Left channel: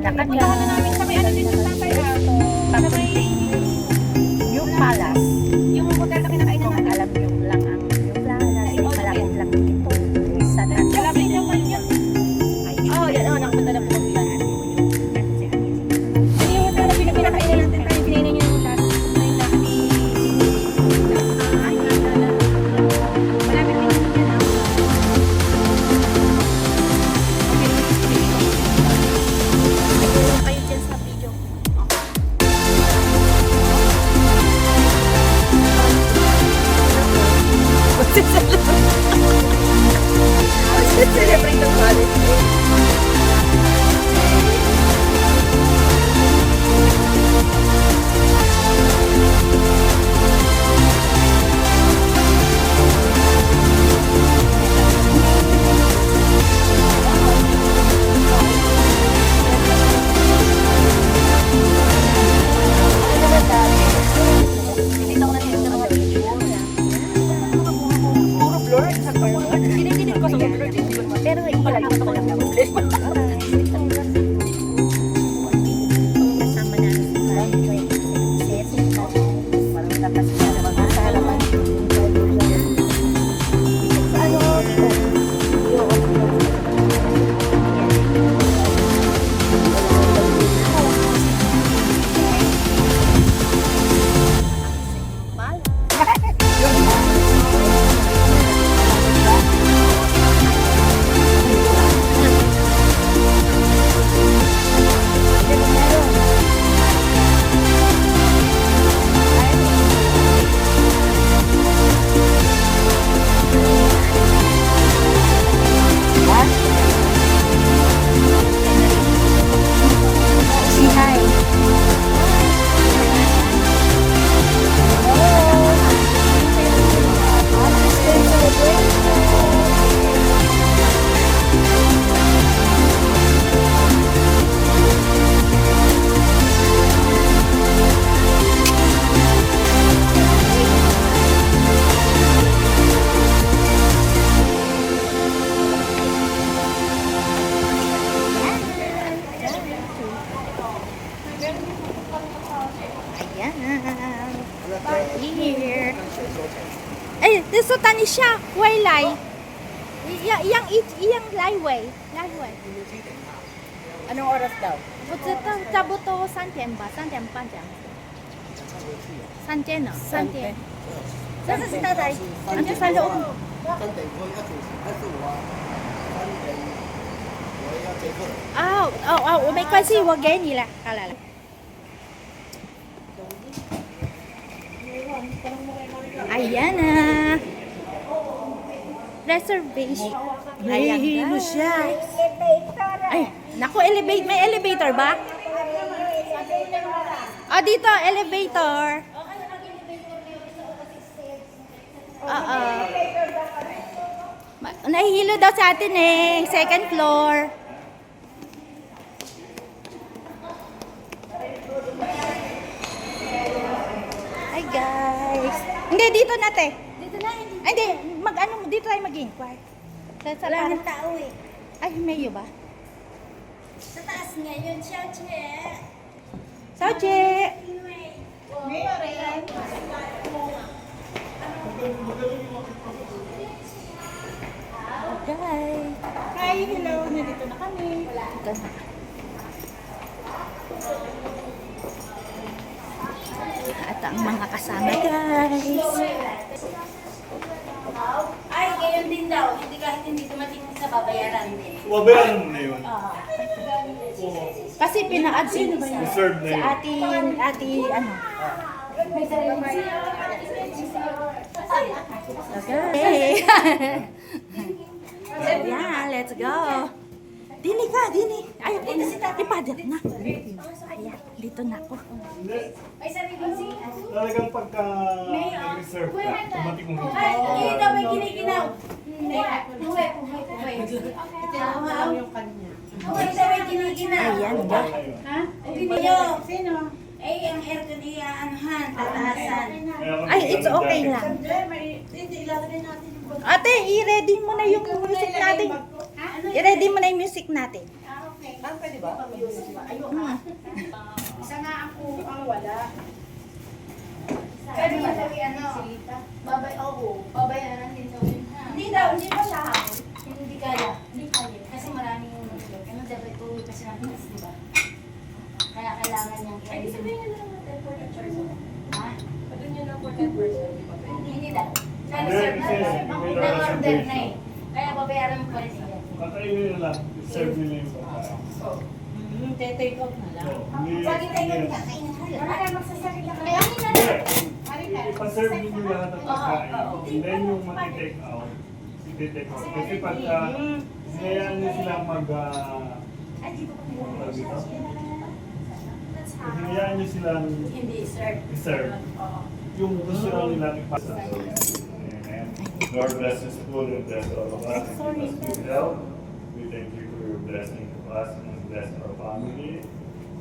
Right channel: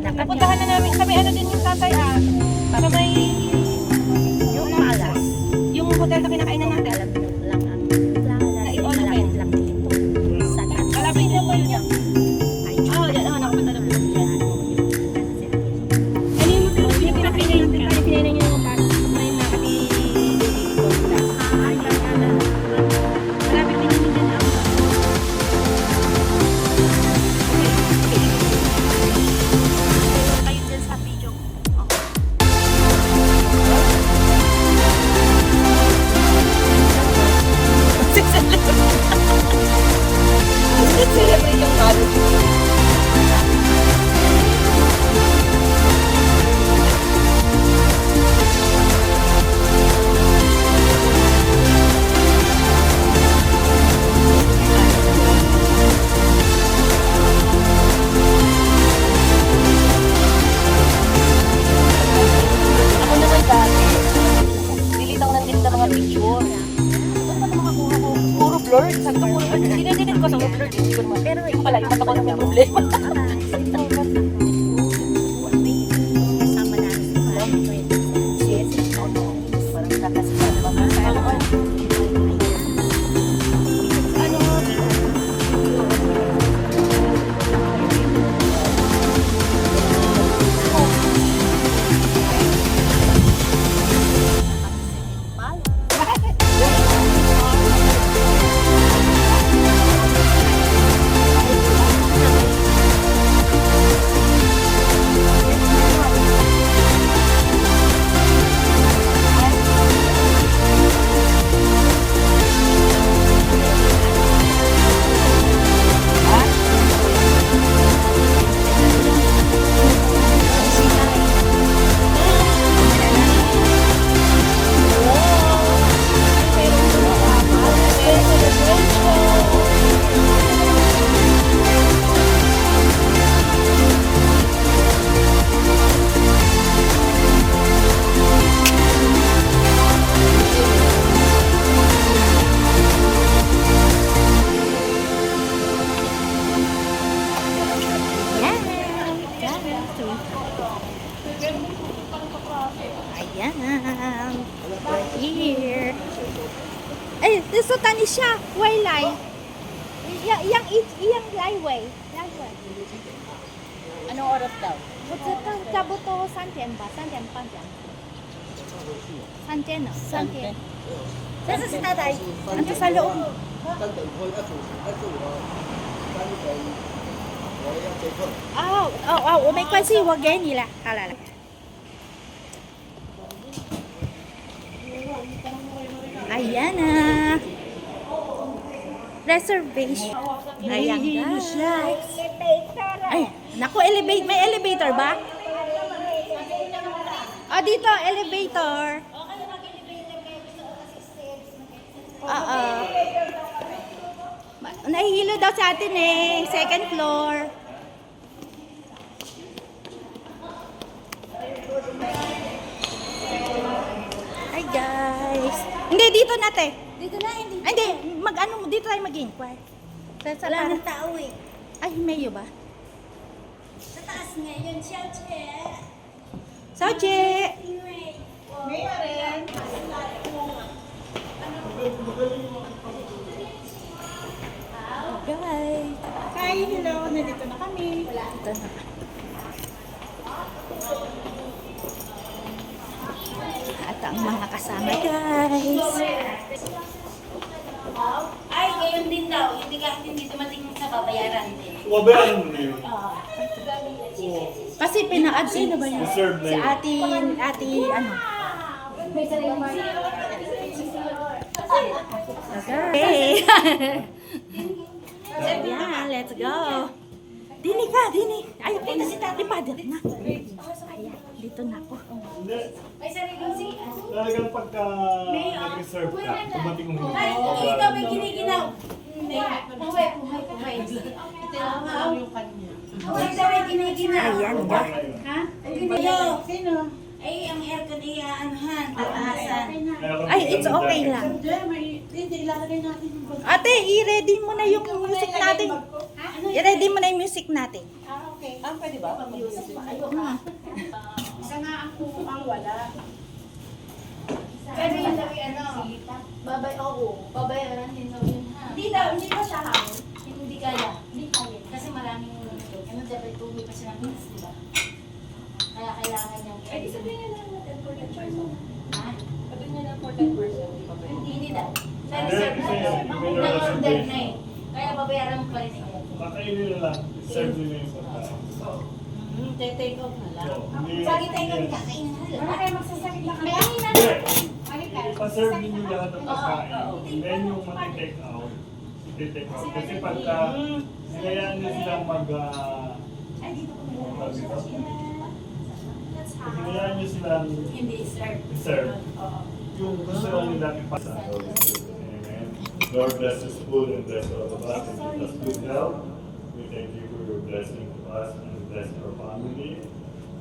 Napuntahan na namin sa may ano din yung tatay sa may Yung Palace. yung hotel na kinakainan natin. Alam nyo lang ang yung Palace. Malapit lang dito. Sa Malapit lang ba niya? Oo, yan. Oo, nakapunta na po. Ano yung hotel na pinakainan natin? Ano pinainan niyo yung bata? Malapit din namin yan. Tulong kayo dyan sa video. Celebrate ng college day. Dinidinit ko sa ulo, pero yung pala, yung ako ng problema. Kasama namin si Karen. Jessica. Parang nakasama na mga kasama. Ayan. We're here. Eh, so tani siya. Way lai. Iyang laiway. Anong oras daw? 不知道差不多3点吧，3点半这样子。3点了，3点。这是太太。 Ando sa loob.我没关系，我给你了，好了。Ayan na. Reservation. Ayan guys. Ay, naku, elevate. May elevator ba? Oh, dito, elevator. Oo. Nahihilo daw sa atin eh. Second floor. Hi guys. Hindi, dito na te. Dito na, hindi. Ay, hindi. Dito tayo mag-inquire. Sa Wala para. ng tao eh. Ay, mayo ba? Sa taas ngayon, siya, Soche! Guys. Hi, hello. Nandito na kami. Ito na. At ang mga kasama guys. Ay, ngayon din daw. Hindi kahit hindi dumating sa babayaran din. Wabayan mo na yun. Kasi pina-add si Reserve na si yun. ati ano. Okay. Ayan, let's go. Dini ka, dini. Ayaw ko na. Ipadal na. Ayan, dito na ako. May sariling siya. Talagang pagka nag-reserve ka, tumating mo hindi. Ay, ikaw may giniginaw. Hindi. Puhay. Ito lang yung kanya. Puhay daw may giniginaw. Ayan, guys. Ha? Ang giniginaw. Sino? Ay, ang aircon iyaanuhan, tataasan. Ay, it's okay lang. Hindi, ilalagay natin yung Ate, i-ready mo na yung music natin. Ano I-ready mo na yung music natin. Okay. Ah, pwede ba? Isa nga ang wala. Pero yung sabi babay, babayaran din daw yun ha. Hindi pa siya hamon. Hindi kaya. Kasi maraming dapat tuloy pa siya ng hits, di ba? Kaya kailangan niyang Ay, di sabihin niyo lang natin for 10%. Ha? Pagod niyo lang for 10%, di ba pwede? Hindi na. Na-reserve na. Na-order na eh. Kaya babayaran mo pa rin siya. Kakainin na lang. Serve nyo na yung pagkain. Take out na lang. So, hindi- Pag take out ka, kainin na lang. Wala kayo magsasabi lang. Kaya hindi na. Hindi. Ipaserve niyo lahat ng pagkain. And then yung mag-take out, i-take out. Kasi pagka hayaan niyo silang Ay, dito ko tawag dito? Pag hayaan niyo silang Hindi, sir. i-serve, yung gusto lang nila ipasa. Amen. Lord bless this food and bless all of us and give us good health. We thank you for your blessing to us and bless our family,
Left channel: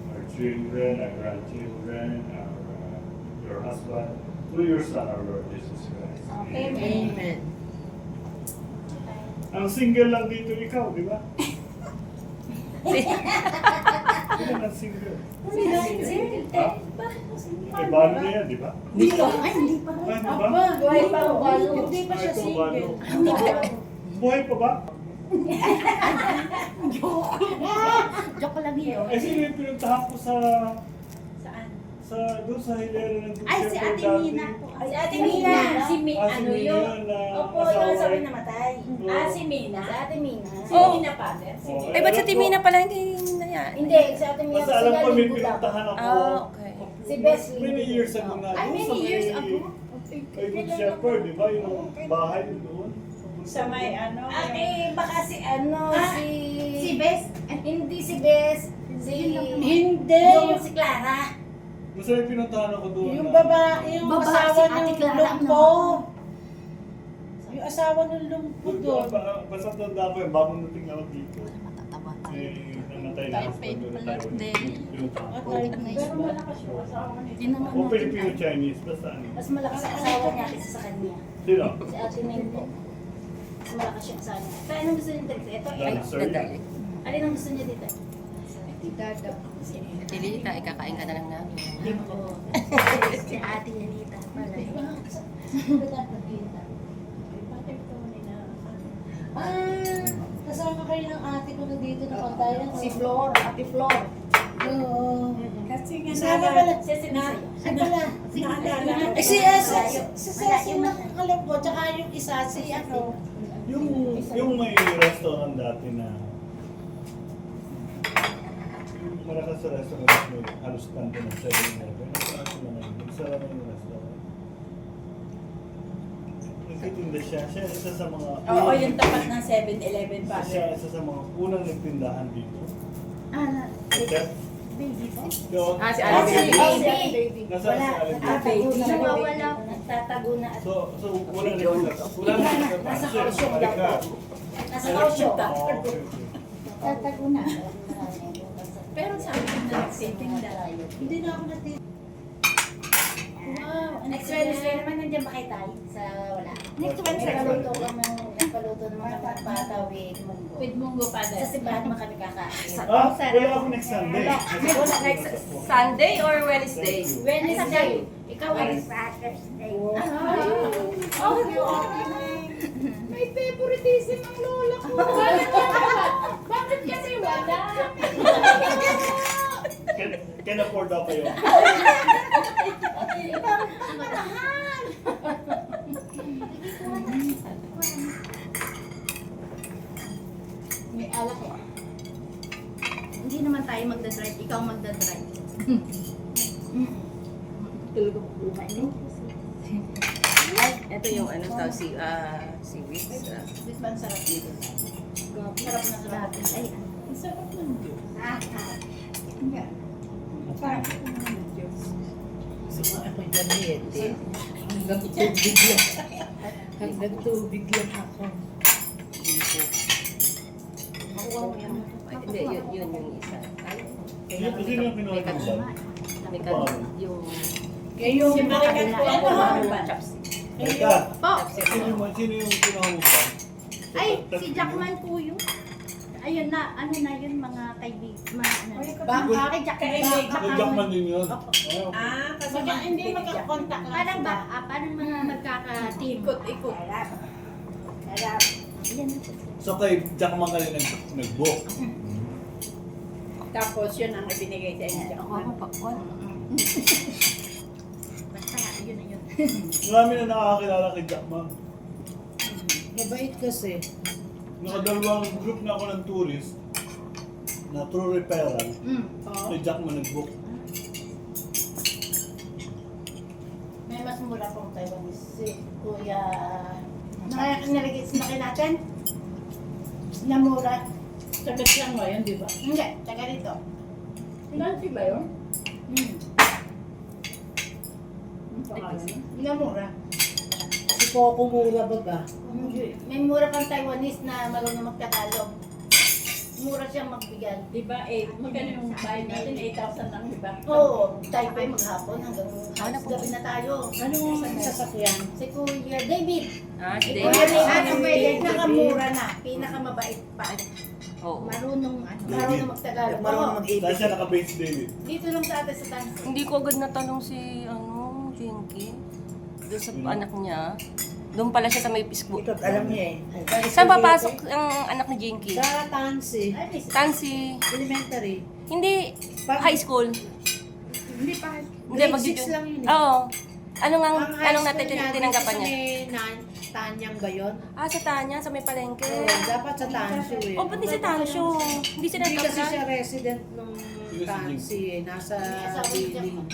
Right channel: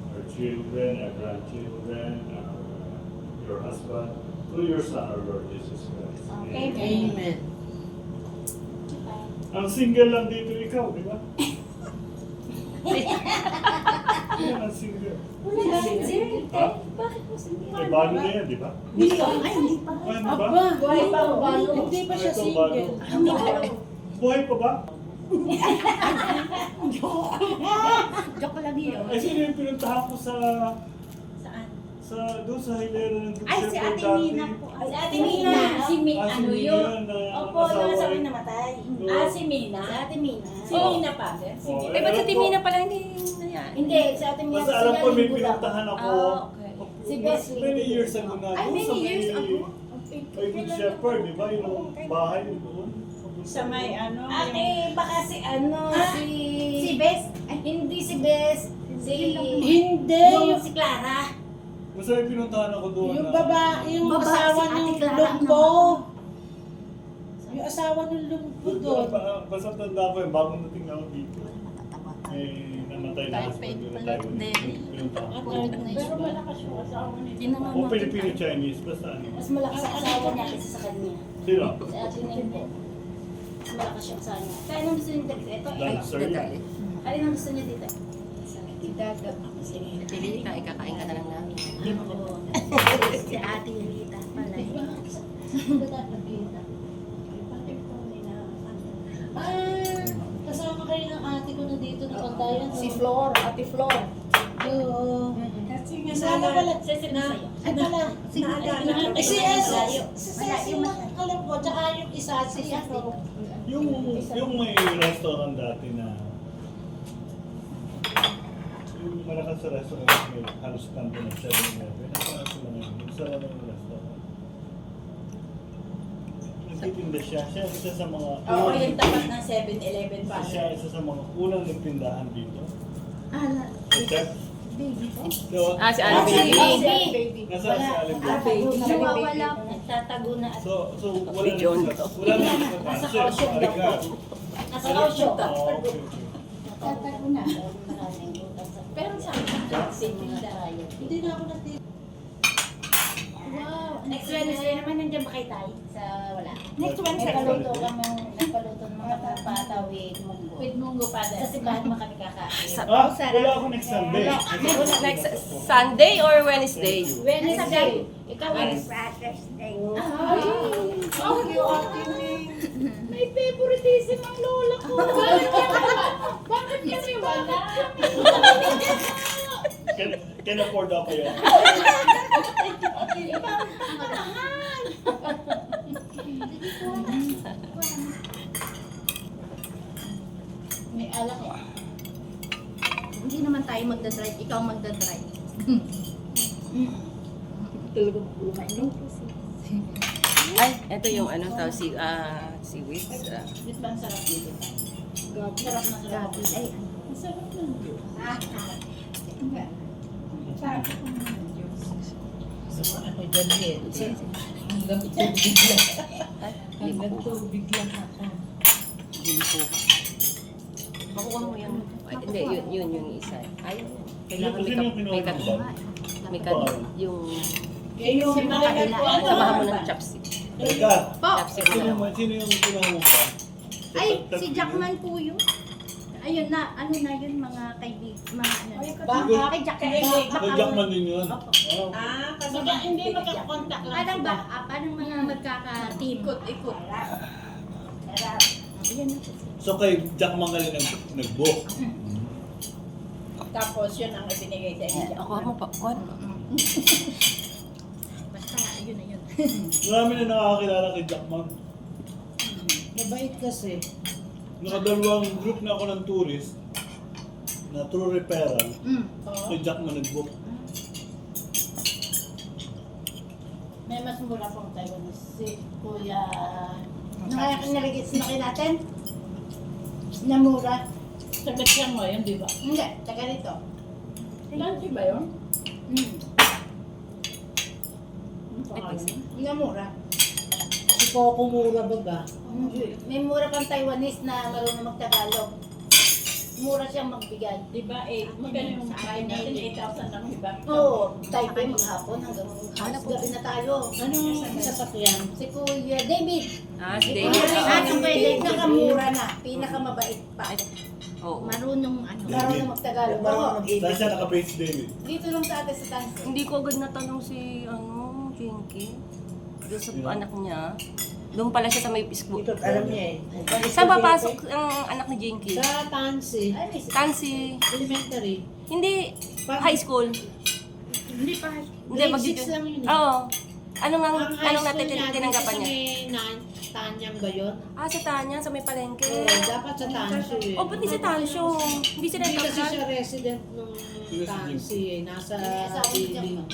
our children, our grandchildren, your husband, through your Son, our Lord Jesus Christ. Amen. Ang single lang dito ikaw, di ba? Sino ang single? Ha? Bakit mo single? May balo na yan, di ba? Ay, hindi pa. Ay, di ba? Buhay pa ang balo. Hindi pa siya single. Buhay pa ba? Joke lang yun. Eh, sino yung pinuntahan ko sa... Saan? Doon sa hilera ng Duterte Ay, si Ate dati. Mina po. Ay, si Ate Mina. Si Mina. Ah, si Ano Mina yun? na Opo, asawa yung sabi eh. namatay. Oo. Si Mina. Si Ate Mina. Si Oo. Mina pa. Oh, Ay, ba't sa alam ko- Timina pala hindi nangyari? Hindi, si Ate Mina. Basta alam ko may pinuntahan ako. Ah, okay. Si Besley. Many years ago na. Ay, doon sa many years may- ago? Kay Good Shepherd, di ba? Yung bahay doon. Sa may ano, Ate, baka si si Bes? Ay, hindi si Bes. Hindi. Yung si Clara. Basta may pinuntahan ako doon. yung na- babae, yung Babae, asawa si Ate ng Clara, lumpo. ano? Yung asawa ng lumpo doon. Basta tanda ko yung bagong dating ako dito. Eh, namatay na ako. Pero malakas yung asawa niya. O Filipino-Chinese, basta ano. Mas malakas ang asawa niya kaysa sa kanya. Sino? Si Ate Nene. Mas malakas yung asawa niya. Pero anong gusto niyo dito? Ito, Dancer. alin ang gusto niyo dito? Dada. Dilita, ikakain ka na lang namin. Si Ate Lita pala. Ay, kasama kayo ng ate ko na dito na pantayan. Si Flor, Ate Flor. Oo. Kasi Sana pala. Sesame sa'yo. Ay pala. Ay, si yung alam ko, tsaka yung isa, si ano. Yung may restaurant dati na yung malakas sa restaurant may halos kanto ng 7-Eleven. Nasaan ko na ngayon? Nagsara na yung restaurant. Nagtitinda siya. Siya isa sa mga... Oo, yung tapat ng 7-Eleven pa. Siya isa sa mga unang nagtindahan dito. Okay? Baby ko? So, Ah, si Ah, Alvin. si Baby. Nasa Wala, sa alin nagtatago na. Nawawala. Nagtatago na. So wala na John. wala na Nasa kausyon daw po. Nasa kausyon. Okay. Nagtatago na. Pero sa akin, nagsitinda. Hindi na ako natin. Next Wednesday naman nandiyan ba kayo tayo? Sa wala. Next Wednesday. Nagpaluto ng mga pata with munggo. With munggo pa Sa simbahan mo kami kakain. Wala ako next Sunday. Next Sunday or Wednesday? Wednesday. Ikaw ay Saturday. May favoritism ang lola ko. Bakit kasi wala? Can afford ako yun. may alak eh. Hindi naman tayo magdadrive, ikaw magdadrive. Talagang buhay mo. Ay, ito yung ano tao, si Wiz. Bit ba ang sarap dito? Sarap na sarap. Ay, ang sarap ng Diyos. Gusto ko ako dyan hanggang tubig lang. Hanggang tubig lang ako. Makuha mo yan. Ay, hindi, yun yung isa. Ay, Sino yung kinuha may mo kat- ba? may kat- yung Kaya yung chopstick. Teka, Chopstick. sino yung kinuha mo ba? Ay, si Jackman po yun. Ay, Ayun na, ano na yun mga kaibigan. Bakit? Kay Jackman din yun. Kasi hindi magkakontak lang Parang sila. ba, parang mga magkaka-team. Ikot-ikot. Ayan na. So kay Jackman ka rin nag-book. Tapos yun ang ibinigay sa inyo. Ako mo popcorn. Basta, ayun na yun. Marami na nakakakilala kay Jackman. Mabait kasi. Nakadalawang group na ako ng tourist na through referral. Kay Jackman nag-book. May mas mura pong Taiwanese. Si Kuya... Nilagay natin? Na mura. Sagat siya mo yun, di ba? Hindi, taga rito. Lansi ba yun? Ang pangalan niya? Na mura. Si Coco Mura ba ba? May mura pang Taiwanese na marunong magtagalog. Mura siyang magbigay. Di ba, magkano yung bayan natin? 8,000 lang, di ba? Oo, Taipei maghapon hanggang po? gabi na tayo. Anong sasakyan? Si Kuya David. Si Kuya David, pinakamura na. Pinakamabait pa. Oo. Marunong magtagalog. Oo. Dahil siya naka-base David. Dito lang sa atin sa Tansi. Hindi ko agad natanong si, Jinky. Doon sa anak niya. Doon pala siya sa may school. Ikaw, alam niya eh. Saan papasok ang anak ni Jinky? Sa Tansi. Ay, may Tansi. Elementary. Hindi. High school. Hindi pa. Hindi, Grade magjujun. 6 lang yun eh. Oo. Anong Ang high anong school natin niya, tinanggapan dito niya? sa may Tanyang ba yun? Sa Tanya, sa may palengke. Dapat sa Tansyo eh. Oh, ba't di sa Tansyo? Hindi sila Hindi kasi nag-apply? siya resident nung Tansi eh. Nasa building.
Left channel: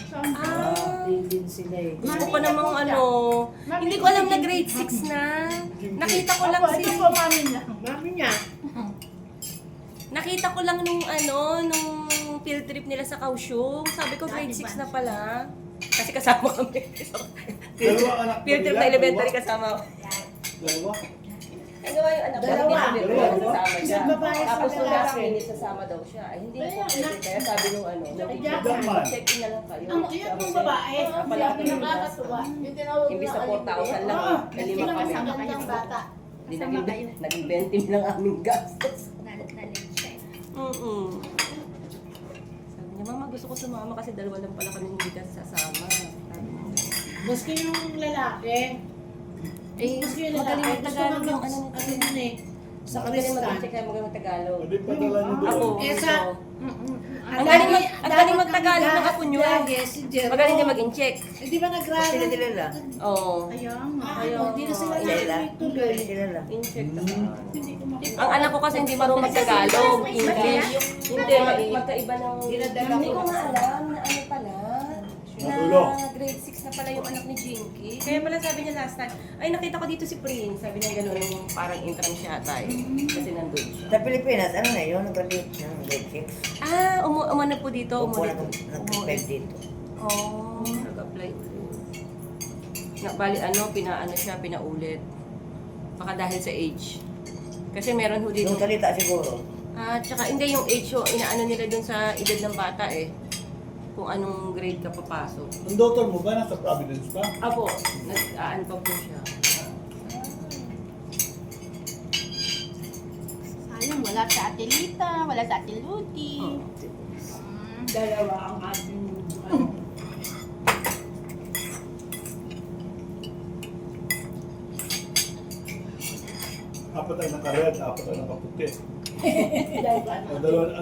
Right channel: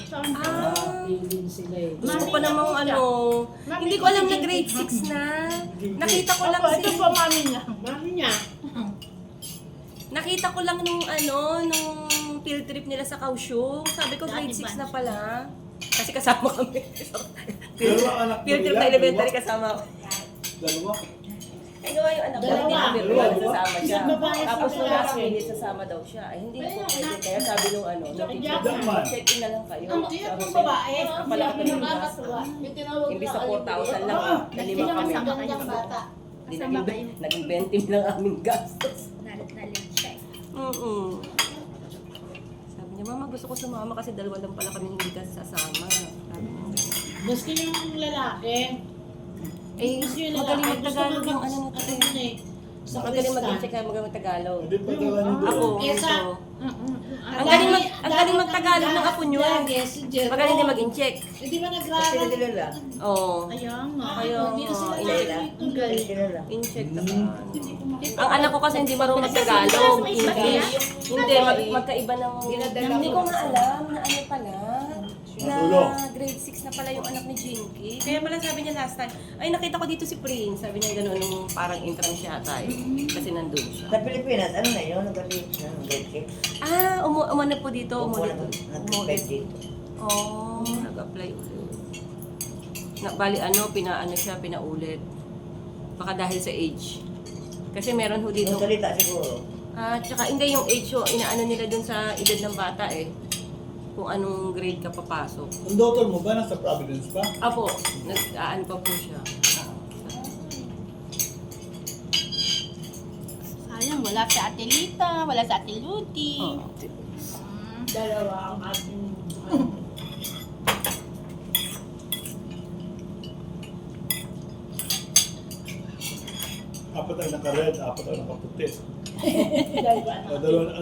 Building sila eh. Gusto ko pa namang hindi ko alam na grade 6 na. Nakita ko lang si... Mami niya. Nakita ko lang nung field trip nila sa Kaohsiung. Sabi ko grade 6 na pala. Kasi kasama kami. Field trip na elementary kasama ko. Dalawa. Ay, gawa yung anak ko, hindi Dalawa. kami pero nasasama siya. Isang babae, isang Tapos nung lalaki. last minute, sasama daw siya. Ay, hindi na po pwede. Kaya sabi nung Jackman. check in na lang kayo. Ang Sabi yung ko, babae. pala kami ng gas. Hindi sa 4,000 lang. Na 5 kami. Magandang bata. Hindi naging 20 lang aming gastos. Nalit siya. Sabi niya, Mama, gusto ko sumama kasi dalawa lang pala kami hindi kasi sasama. Sabi niya. Maski yung lalaki. Eh, Maski yung magaling lalaki. mag-Tagalog yung Gusto ano mag- ano eh. Sa Magaling Kristan. mag-check kaya magaling mag-Tagalog. Hindi pa talaga nito. Ako, Eh, sa- ito. Ang galing mag-Tagalog ng apo niyo. Si Jero. Magaling din mag-check. Eh, di ba nag-gravel? Oo. Ayun. Hindi na sila dito. In-check Ang anak ko kasi hindi marunong mag-Tagalog. English. Hindi, magkaiba ng... Hindi ko na alam na ano pala. Na grade 6 na pala yung anak ni Jinky. Kaya pala sabi niya last time, ay nakita ko dito si Prince. Sabi niya gano'n yung parang intern siya tayo. Kasi nandun siya. Sa Pilipinas, ano na yun? Nag-graduate ng grade 6. Umano po dito. Umulit. Nag-apply dito. Nag-apply ulit. Bali pinaano siya, pinaulit. Baka dahil sa age. Kasi meron ho dito. Yung salita siguro. Tsaka hindi yung age yung inaano nila dun sa edad ng bata eh. Kung anong grade ka papasok. Ang daughter mo ba nasa Providence pa? Apo, nag-aan pa po siya. Sayang, wala sa Ate Lita, wala sa Ate Luti. Dalawa ang ating Apat ay naka-red, apat ay naka-puti. dalawa.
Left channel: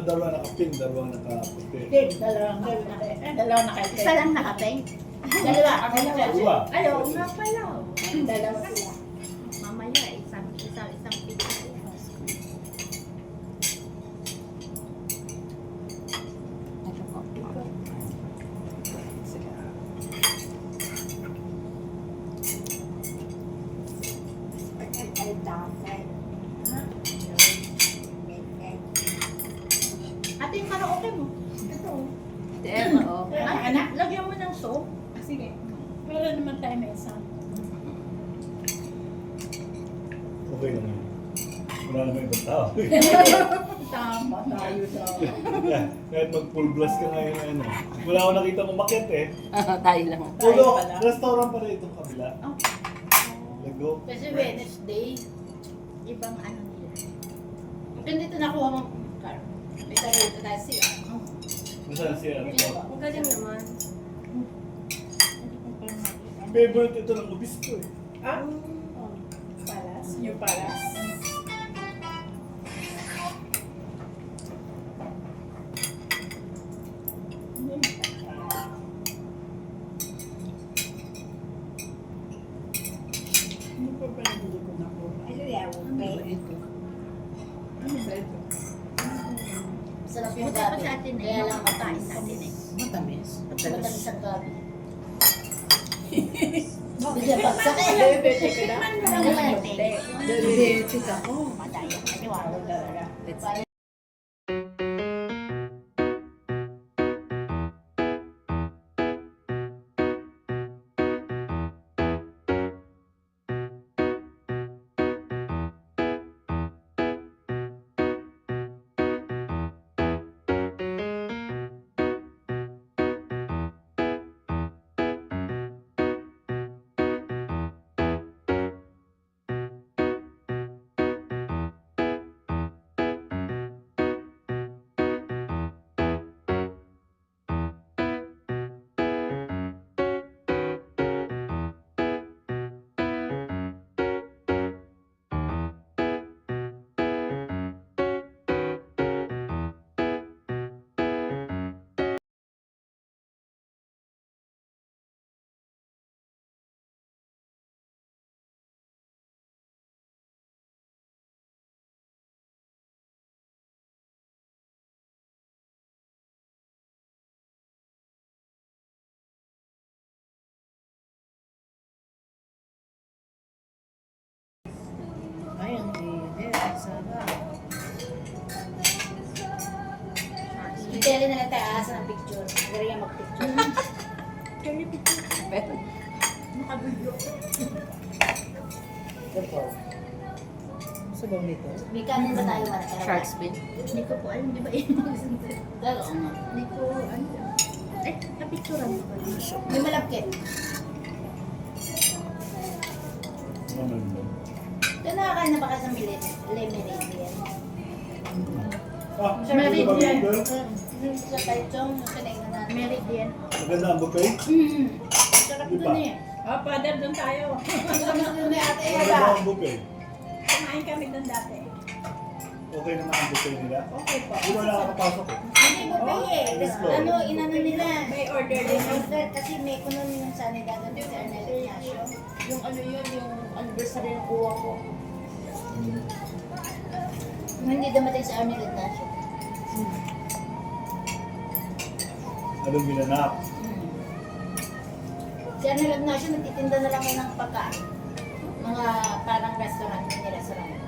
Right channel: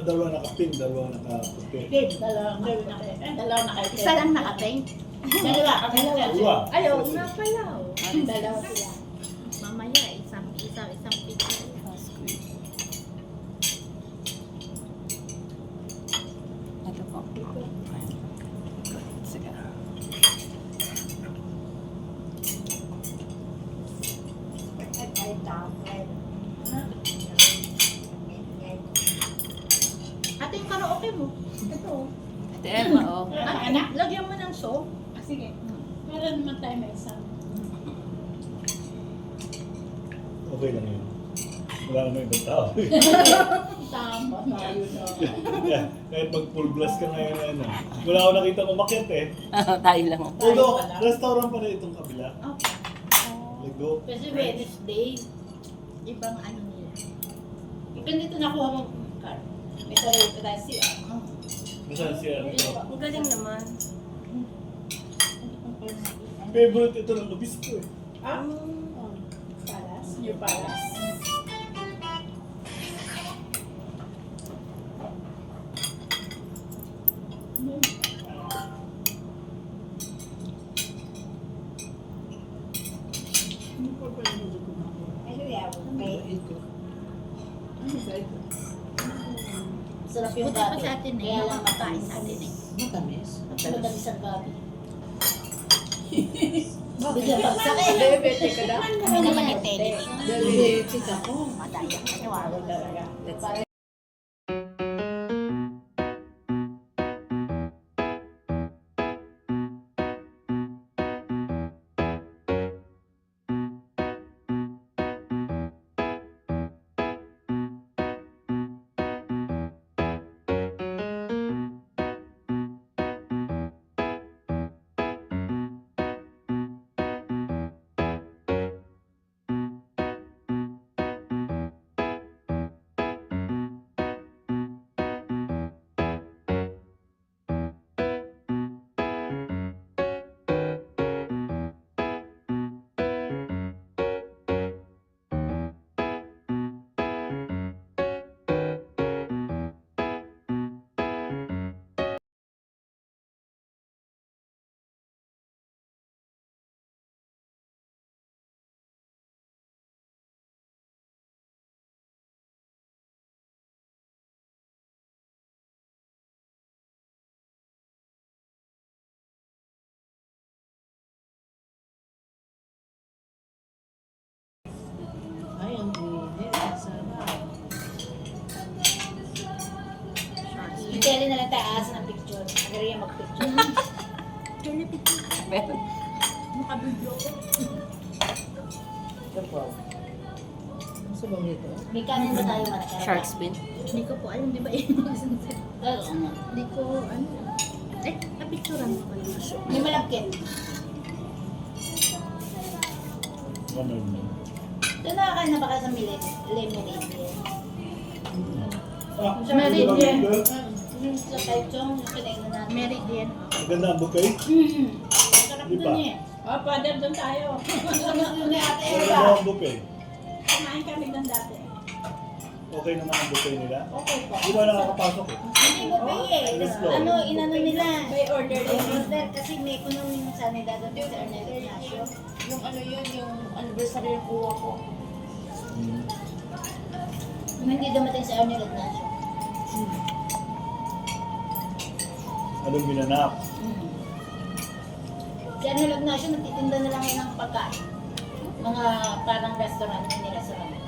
Dalawa naka-pink, dalawa naka-puti. Dalawa na kayo. Isa lang nakapeng. Dalawa. Dalawa. Ayaw, nga pala. Dalawa sila. Mamaya, isang pigay. Ate, yung karaoke mo. Ito. Anak, lagyan mo ng soap. Sige. Meron naman tayo may isang. Okay lang yun. Wala naman ibang tao. Tama tayo na. Kahit mag-full blast ka ngayon wala akong nakita umakyat eh. Tayo lang. Although, restaurant pa rin itong kabila. Lego. Kasi Wednesday, ibang ano nila. Ganito nakuha mo, Carl. May sarili ka tayo siya. Minsan siya. Ang galing naman. Favorite ito ng obispo eh. Palas. New Palas. Sarap yung gabi. Kaya lang matamis natin eh. Matamis. Matamis ang gabi. Bigyan bagsak eh. Ano man yung tele? Diabetic ako. Madaya. Kaniwara. Ay, ang init. Ang sarap. Yung tele na lang tayo aasa ng picture. Magari yan mag-picture. Gusto bang nito? May kanin ba tayo man? Shark fin. Hindi ko po alam, di ba yun? Oo nga. Hindi ko, ano. Ay, napicturan ko. May malagkit. Ano mo? Doon nakakain na ba kayo sa lemonade yan? Ah, Meron hindi ba yan. ganito? Yung sa Taichung, yung kinain na natin. Meridian. Maganda ang bouquet? Sarap Di dun ba? eh. Oh, father, doon tayo. Sarap dun eh ate Maganda Eva. ang bouquet. Kumain kami doon dati. Okay naman ang bouquet nila? Okay po. Di ba nakakapasok eh? Hindi mo ba eh. Let's go. Ano, inano nila. May order May din. order kasi may kuno yung sanidad at si Arnel Ignacio. Yung ano yun, yung anniversary ng buwa ko. Yung hindi dumating si Arnel Ignacio. Anong ginanap? Si Arnel Ignacio nagtitinda na lang yun ng pagkain. Mga parang restaurant nila sa Ramon.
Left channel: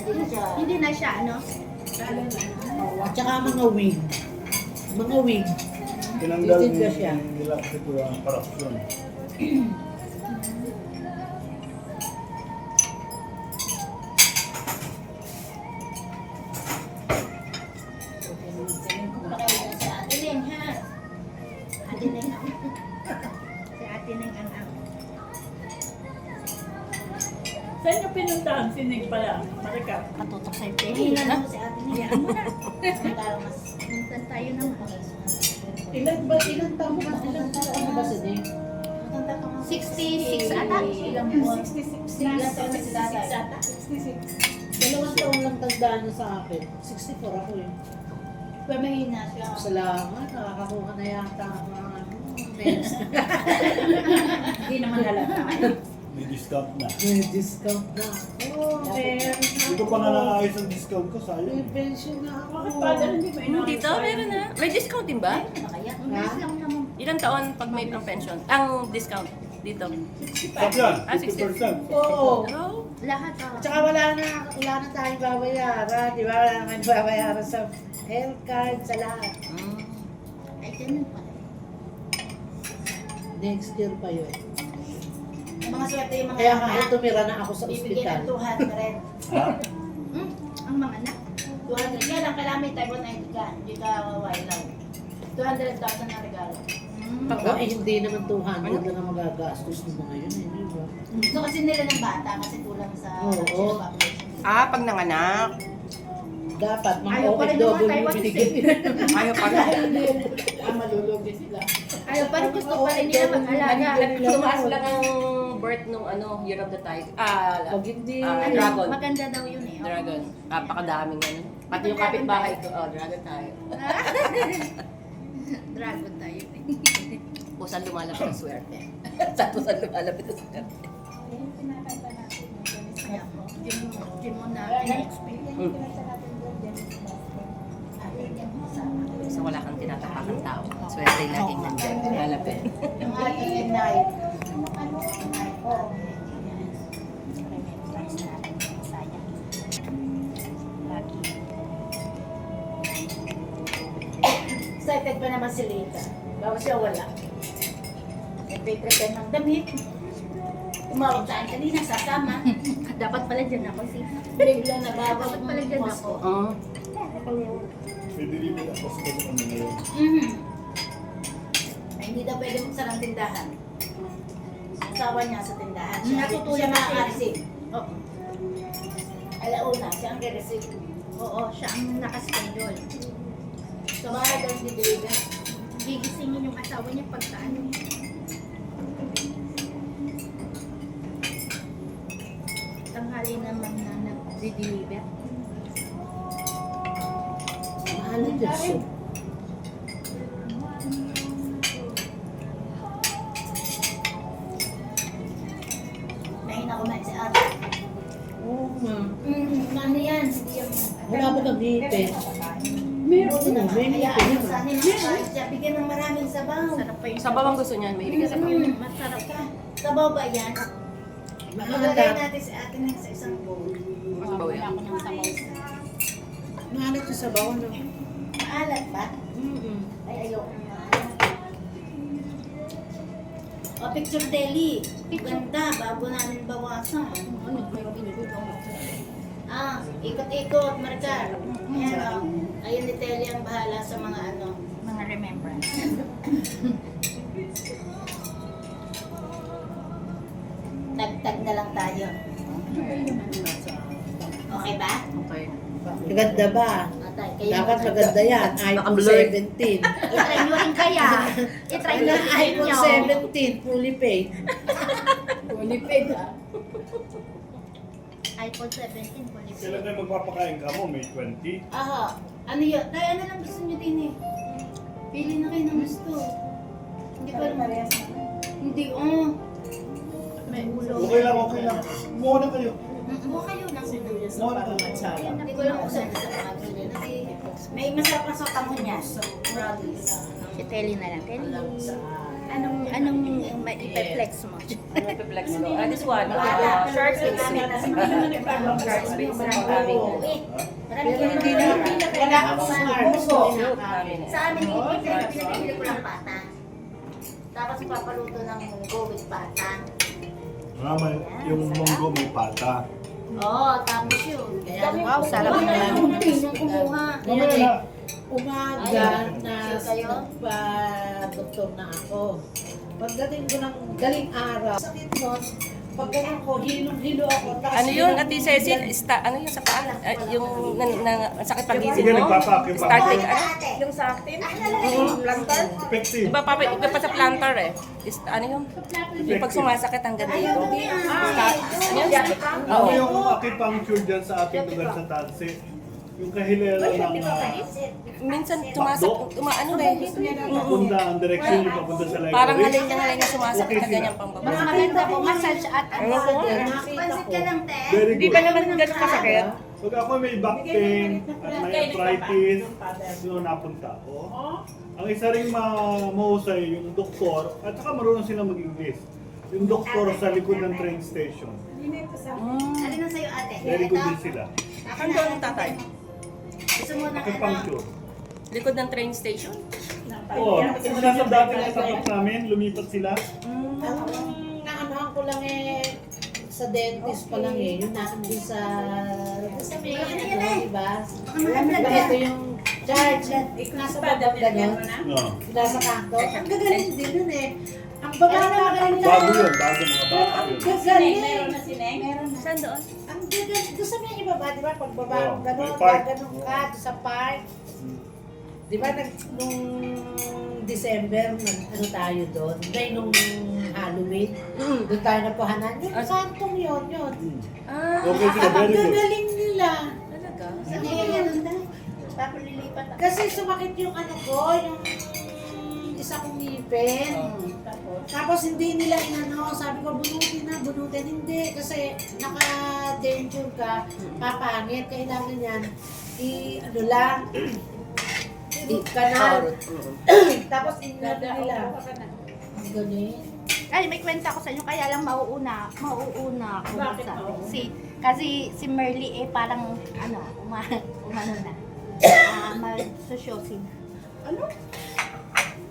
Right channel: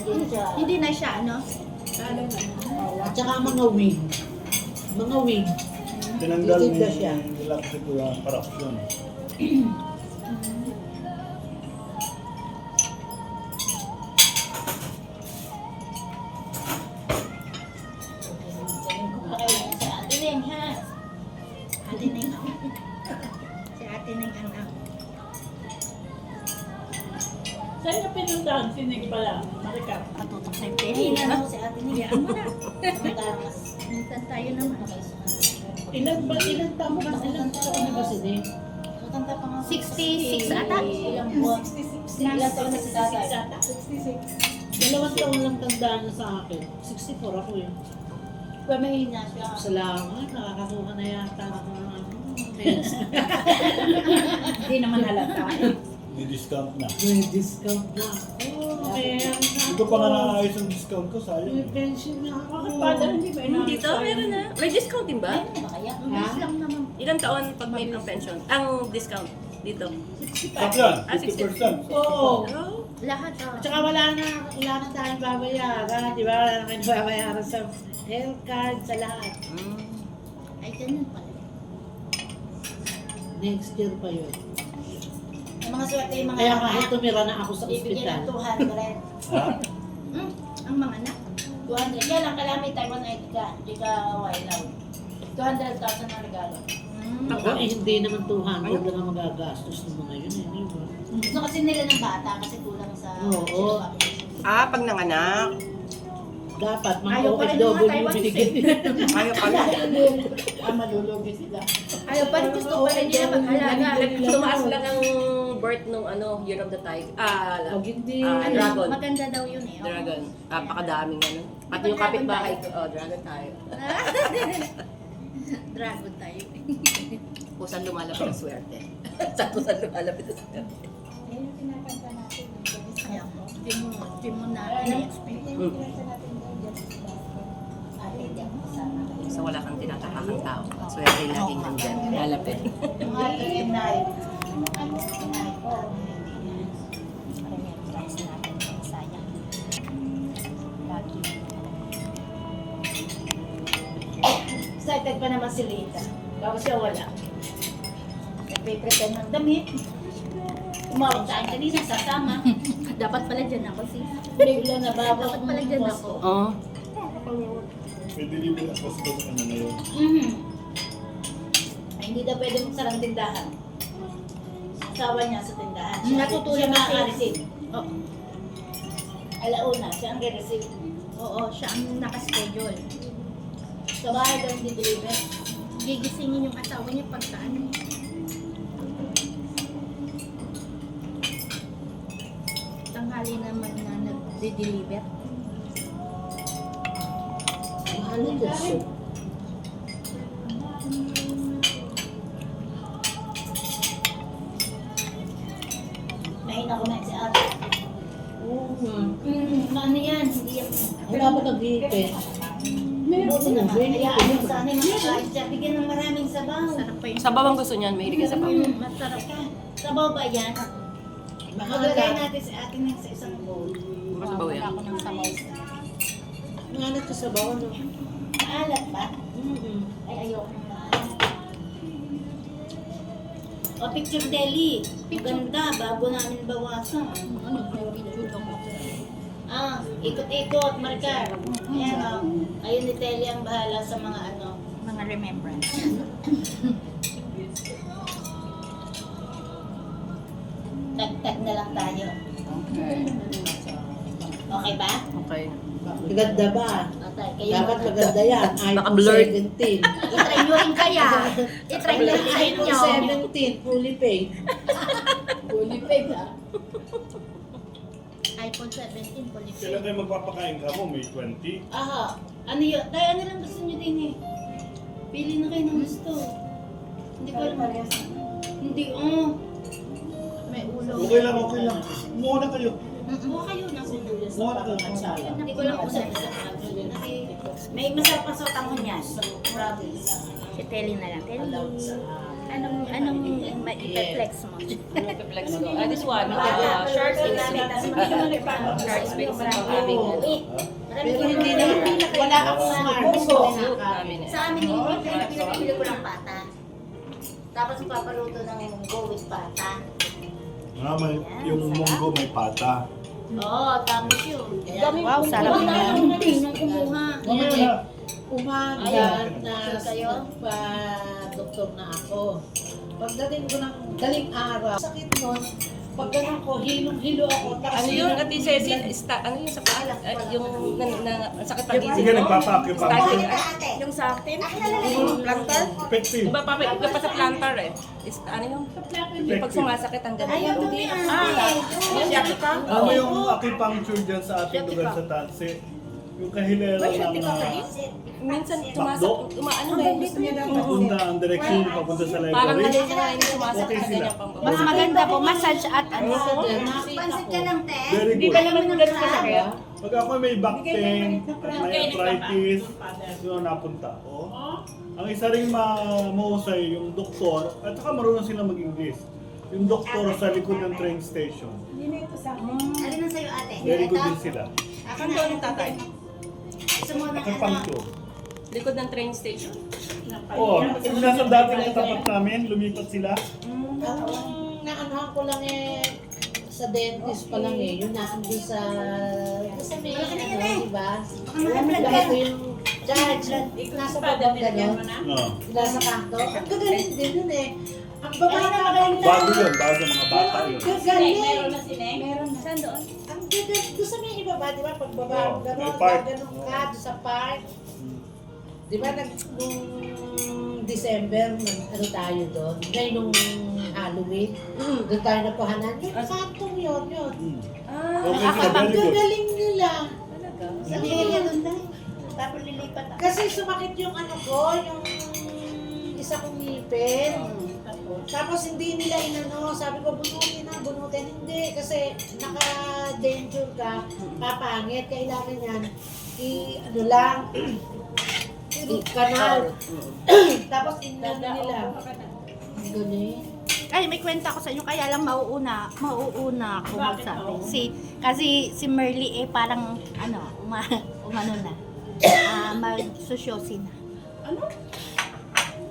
Hindi na siya. Hindi na siya, ano? Tsaka mga wig. Mga wig. Tinanggal Titinda siya. nila ito ang corruption. Pakain sa Ate Neng, ha? Ate Neng. Si Ate Neng anak. Saan niyo pinuntahan? Sinig pala. Marika. Patutok sa tele, ha? Mo si Ate Neng. Hayaan mo na. Nagkaroon. Minsan tayo naman. Ilan taon ba? Ilan taon ba si Nick? Matanda pa nga. 66 ata. Ilang buwan. 66. Ilang taon na si Tatay. 2 taon lang tandaan niya sa akin. 64 ako yun. Pero mahina siya. Salamat, nakakakuha na yata ako ng ano. Hindi naman halata. Di-discount na. May discount na ako. Kaya Hindi ko pa nananayos yung discount ko, may sayang. pension na ako. Bakit father hindi ba inaayos Dito, meron na. May discount din ba? Kaya. Mabilis lang naman. Ilang taon pag may pang pension? Ang discount dito. Stop yan, 50%. Oo. Oh. Lahat ah. At saka wala na tayong babayaran. Di ba? Wala na tayong babayaran sa health card, sa lahat. Ay, ganun pala. Next year pa yun. Yung mga swerte yung mga Kaya nga, tumira na ako sa bibigyan ospital. ng 200. Ha? Ang mga anak. 200. Yan ang kailangan may Taiwan ID ka. Hindi ka wailaw. 200,000 na regalo. Ako eh, hindi naman 200 lang ang magagastos ng mga yun eh. Di ba? Gusto kasi nila ng bata kasi kulang sa... Oo. Pag nanganak. Dapat mga Ayaw pa rin ng mga OFW Taiwanese binigyan nila. Ayaw pala. Malulugi sila. Ayaw pa rin gusto pa rin nila mag-alaga. Tumaas lang ang birth nung Year of the Tiger. Pag hindi, Dragon. Maganda daw yun eh. Dragon. Napakadaming ano. Pati yung kapitbahay ko. Dragon tayo. Dragon tayo. Pusan lumalapit ang swerte. Sa pusan lumalapit ang swerte. Kaya hindi mo na in-expect. So wala kang tinatapakang tao. Swerte laging nandyan. Lumalapit. Yung hati and night. Excited pa naman si Lita. Bago siya wala. Nagpe-pretend ng damit. Tumawag sa akin kanina, sasama. Dapat pala dyan ako si. Bigla na bago Dapat pala dyan ako. Pwede rin nila post ko sa kanila yun. Ay, hindi daw pwede magsarang tindahan. Asawa niya sa tindahan. Natutulog Siya kasi. makaka-receive. Oo. Alauna, siya ang re-receive. Oo, siya ang nakaschedule. Sa bahay daw hindi deliver. Gigisingin yung asawa niya pagka ano. Tanghali naman na nag-deliver. mahal na dyan. So, Mahina kumain si ate. mhm. Ano yan? Hindi yan. Wala ba nag-ipit? Buti naman. Meron. Hayaan mo sana yung makakain siya. Bigyan ng maraming sabaw. Sarap pa yung Sa bawang gusto niyan, mahilig ka sa bawang. masarap ka. Sabaw ba yan? Maglagay natin si ate ng sa isang bowl. Sabaw yan. Mahanap sa sabaw, ano? Maalat ba? Mhm. Ay, ayoko na. O, picture deli. Ganda, bago namin bawasan. Ano, may picture lang. Ikot-ikot, Marcar. Ayan o. Ayun ni Telly ang bahala sa mga ano. Mga remembrance. Tag-tag na lang tayo. Okay ba? Okay. Maganda ba? Atay, kayo Dapat muna. maganda yan. iPhone Naka-blurred. 17. I-try nyo rin kaya. I-try nyo rin iPhone nyo. 17, fully paid. Fully paid ha. iPhone 17, fully Kailan paid. tayo magpapakain ka mo? May 20? Aha. Ano yun? Tayo, ano lang gusto nyo din eh? Pili na kayo ng gusto. Hindi ko alam. Hindi, May ulo. Okay lang, okay lang. Kumuha na kayo. Buha kayo ng ulo. Kumuha na kayo. Hindi ko lang kung saan sa pagkakili. May masarap ang sotangon niyan. Promise. Si Telly na lang. Telly, anong may i-flex mo? Flex ko. This one, short and sweet. Short sweet sa pang-aming ano. Pero hindi na, wala akong smartphone. Soup namin eh. Sa amin yung pinag pinabili ko ng pata. Tapos papaluto ng go with pata. Yung munggo may pata. Oo, tapos yun. Wow, sarap Huwag na naman. yung munting nang kumuha. Mamaya na. Umaga na Sure kayo? doktor na ako. Pagdating ko ng daling araw, sakit nun, pag ganun ko, hilong-hilo ako. Tapos Ano yun, Ate Cecil? Ano yung sa paan? Yung sakit pang gising Sige, mo? nagpapakip pa. Starting, yung sa akin? Yung plantar? Effective. Iba pa sa plantar eh. Ano yung? Yung pag sumasakit ang ganun. Ayaw doon yan. Ano yung acupuncture dyan sa ating lugar sa Tatse? Yung kahilera ng Minsan sumasakit, ano ba yung gusto niya daw? papunta, ang direksyon yung papunta sa Parang library. halin niya na yung sumasakit Okay na sila. ganyan pang Mas maganda po massage at ano. nakita Pansit ko. ka lang, te. Very good. naman ganun kasakit. Pag ako may back pain, may arthritis, yun napunta ako. Ang isa ring mahusay yung doktor, at saka marunong sila mag-English. Yung doktor sa likod ng train station. Alin na sa'yo, ate? Very good din sila. Akin na ang tatay. Gusto mo na ano? Acupuncture. Likod ng train station. Oo, nasa dati ng tapat namin, lumipat sila. Ang naanahan ko lang eh, sa dentist pa lang eh, yun na, andun sa may, ano, diba? Baka mga vlog Dahil yan. ko yung Judge, nasa baba gano'n. Oh. Nasa kanto. Ang gagaling din nun eh. Ang babata maganda. Bago yun, bago mga bata Ang yun. gagaling. Meron na si Neng? Meron na. Saan doon? Ang gagaling. Doon sa may ibaba, di ba? Pag baba Oo, mo gano'n, may park. gano'n ka doon sa park. Hmm. Di ba nung December, ano tayo doon? Ngayon nung Halloween, doon tayo nakuhanan. Yung kantong yun. Hmm. Ah, Okay, Ang very good. gagaling nila. talaga? Sa area doon tayo. Tapos lilipat ako. Kasi sumakit yung ano ko, yung isa kong ngipin. Tapos hindi nila inano, sabi ko bunutin. Hindi, kasi naka-danger ka, papangit. Kailangan yan, ano lang, kanal. Tapos inano nila. Ang galing. Ay, may kwenta ko sa inyo, kaya lang mauuna ako. Bakit sa mauuna? kasi si Merly parang, umano na. Mag-sosyosin. Ano?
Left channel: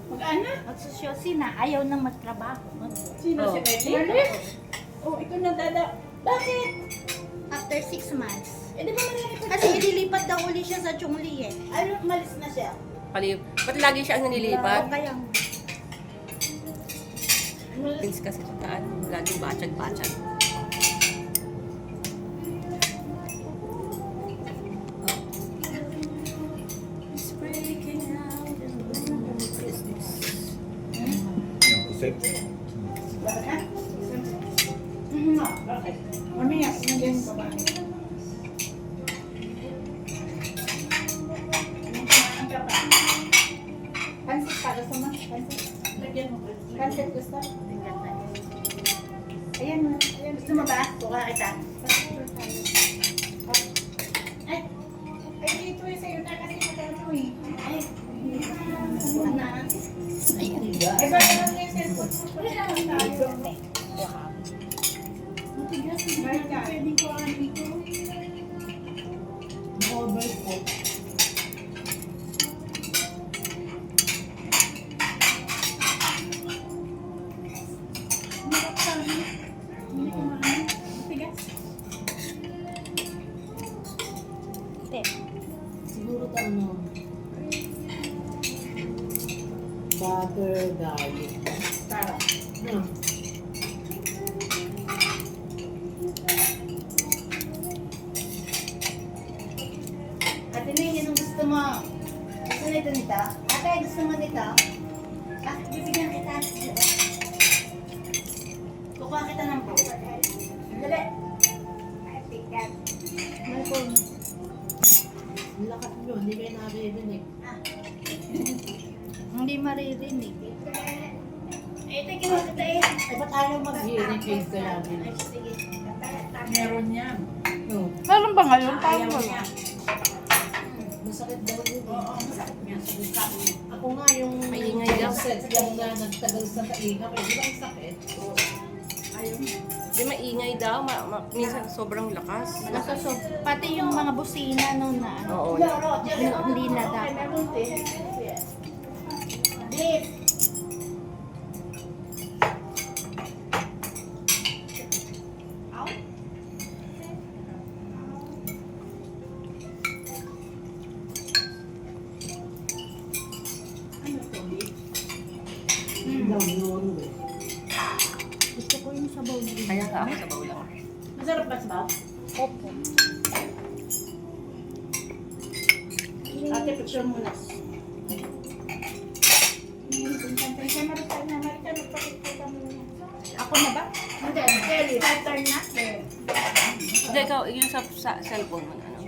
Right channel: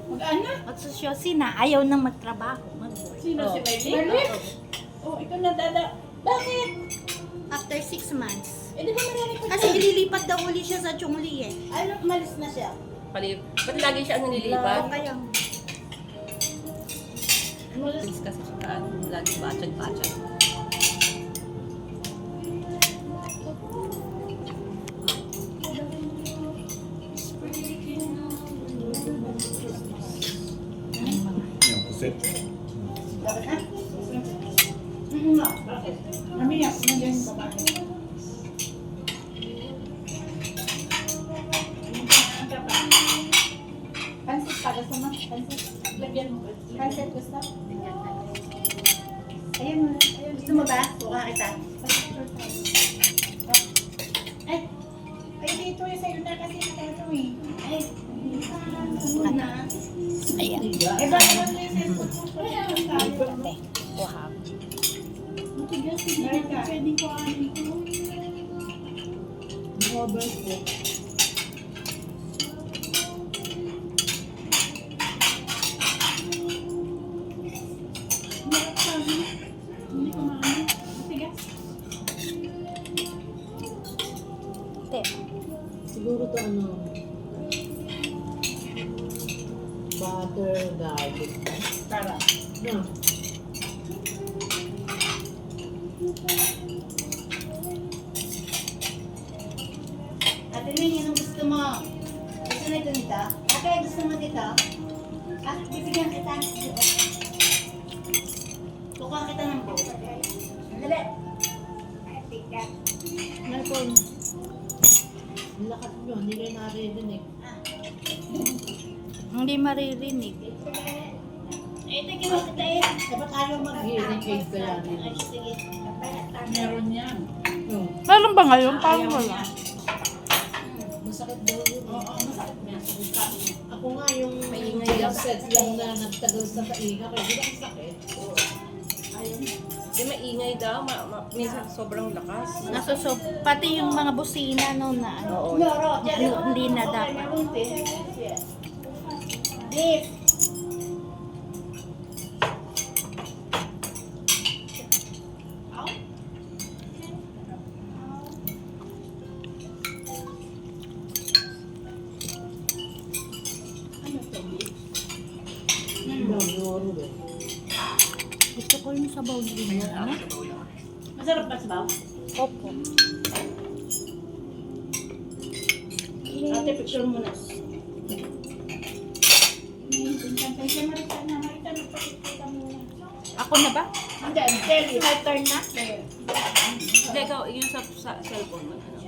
Mag-ana? Mag-sosyosin na, ayaw nang magtrabaho. Sino si Melly? Oh, ikaw na dada. Bakit? After 6 months. Eh, di ba marami pa? Kasi ililipat daw uli siya sa Chongli eh. Ano, umalis na siya? Ba't lagi siya ang nanilipat? O kaya, Vince kasi siya, lagi bachan-bachan. Sit. Bakit? Mamaya, sinagayin ko bakit? pansit para sa mga pansit. Lagyan mo ba? Pansit gusto? Ayan mo. Gusto mo ba? Buka kita. Ay, dito eh, sa'yo na kasi magkano eh. Ay, na. Ayan. Eh, bakit naman yung cellphone mo? Wala lang tayo. Matigas, hindi na pwede ko ano ito. Mobile ko. Marap sabi. Hindi ko maano. Matigas. Siguro ito ano, butter, garlic. Para. No. Ate Ning, anong gusto mo? Gusto na ito nito? Ate, gusto mo dito? Ah, bibigyan kita. Kukuha kita ng bowl. Dali. Ng phone. Ang lakas nyo, hindi kayo naririnig. Hindi maririnig. Eh, tigil mo kita eh. Eh, ba't ayaw mag-hearing aid kaya Ay, din? sige. Meron yan. No. Meron ba ngayon? Paano wala? Masakit daw yun. Oo, masakit niya. Ako nga yung Maingay lang. set lang na nagtagal sa painga. Kaya di ba ang sakit? Di maingay daw, minsan sobrang lakas. Pati yung mga busina no na ano. Oo. Hindi na dapat. Beef. Yun, eh. Gusto ko yung sabaw din. Kaya nga ako sa ulam. Masarap ba sabaw? Opo. Ate, picture mo na. Ako na ba? Hindi, Terry. Five turn na. Hindi, ikaw, yung sa cellphone mo. Ano?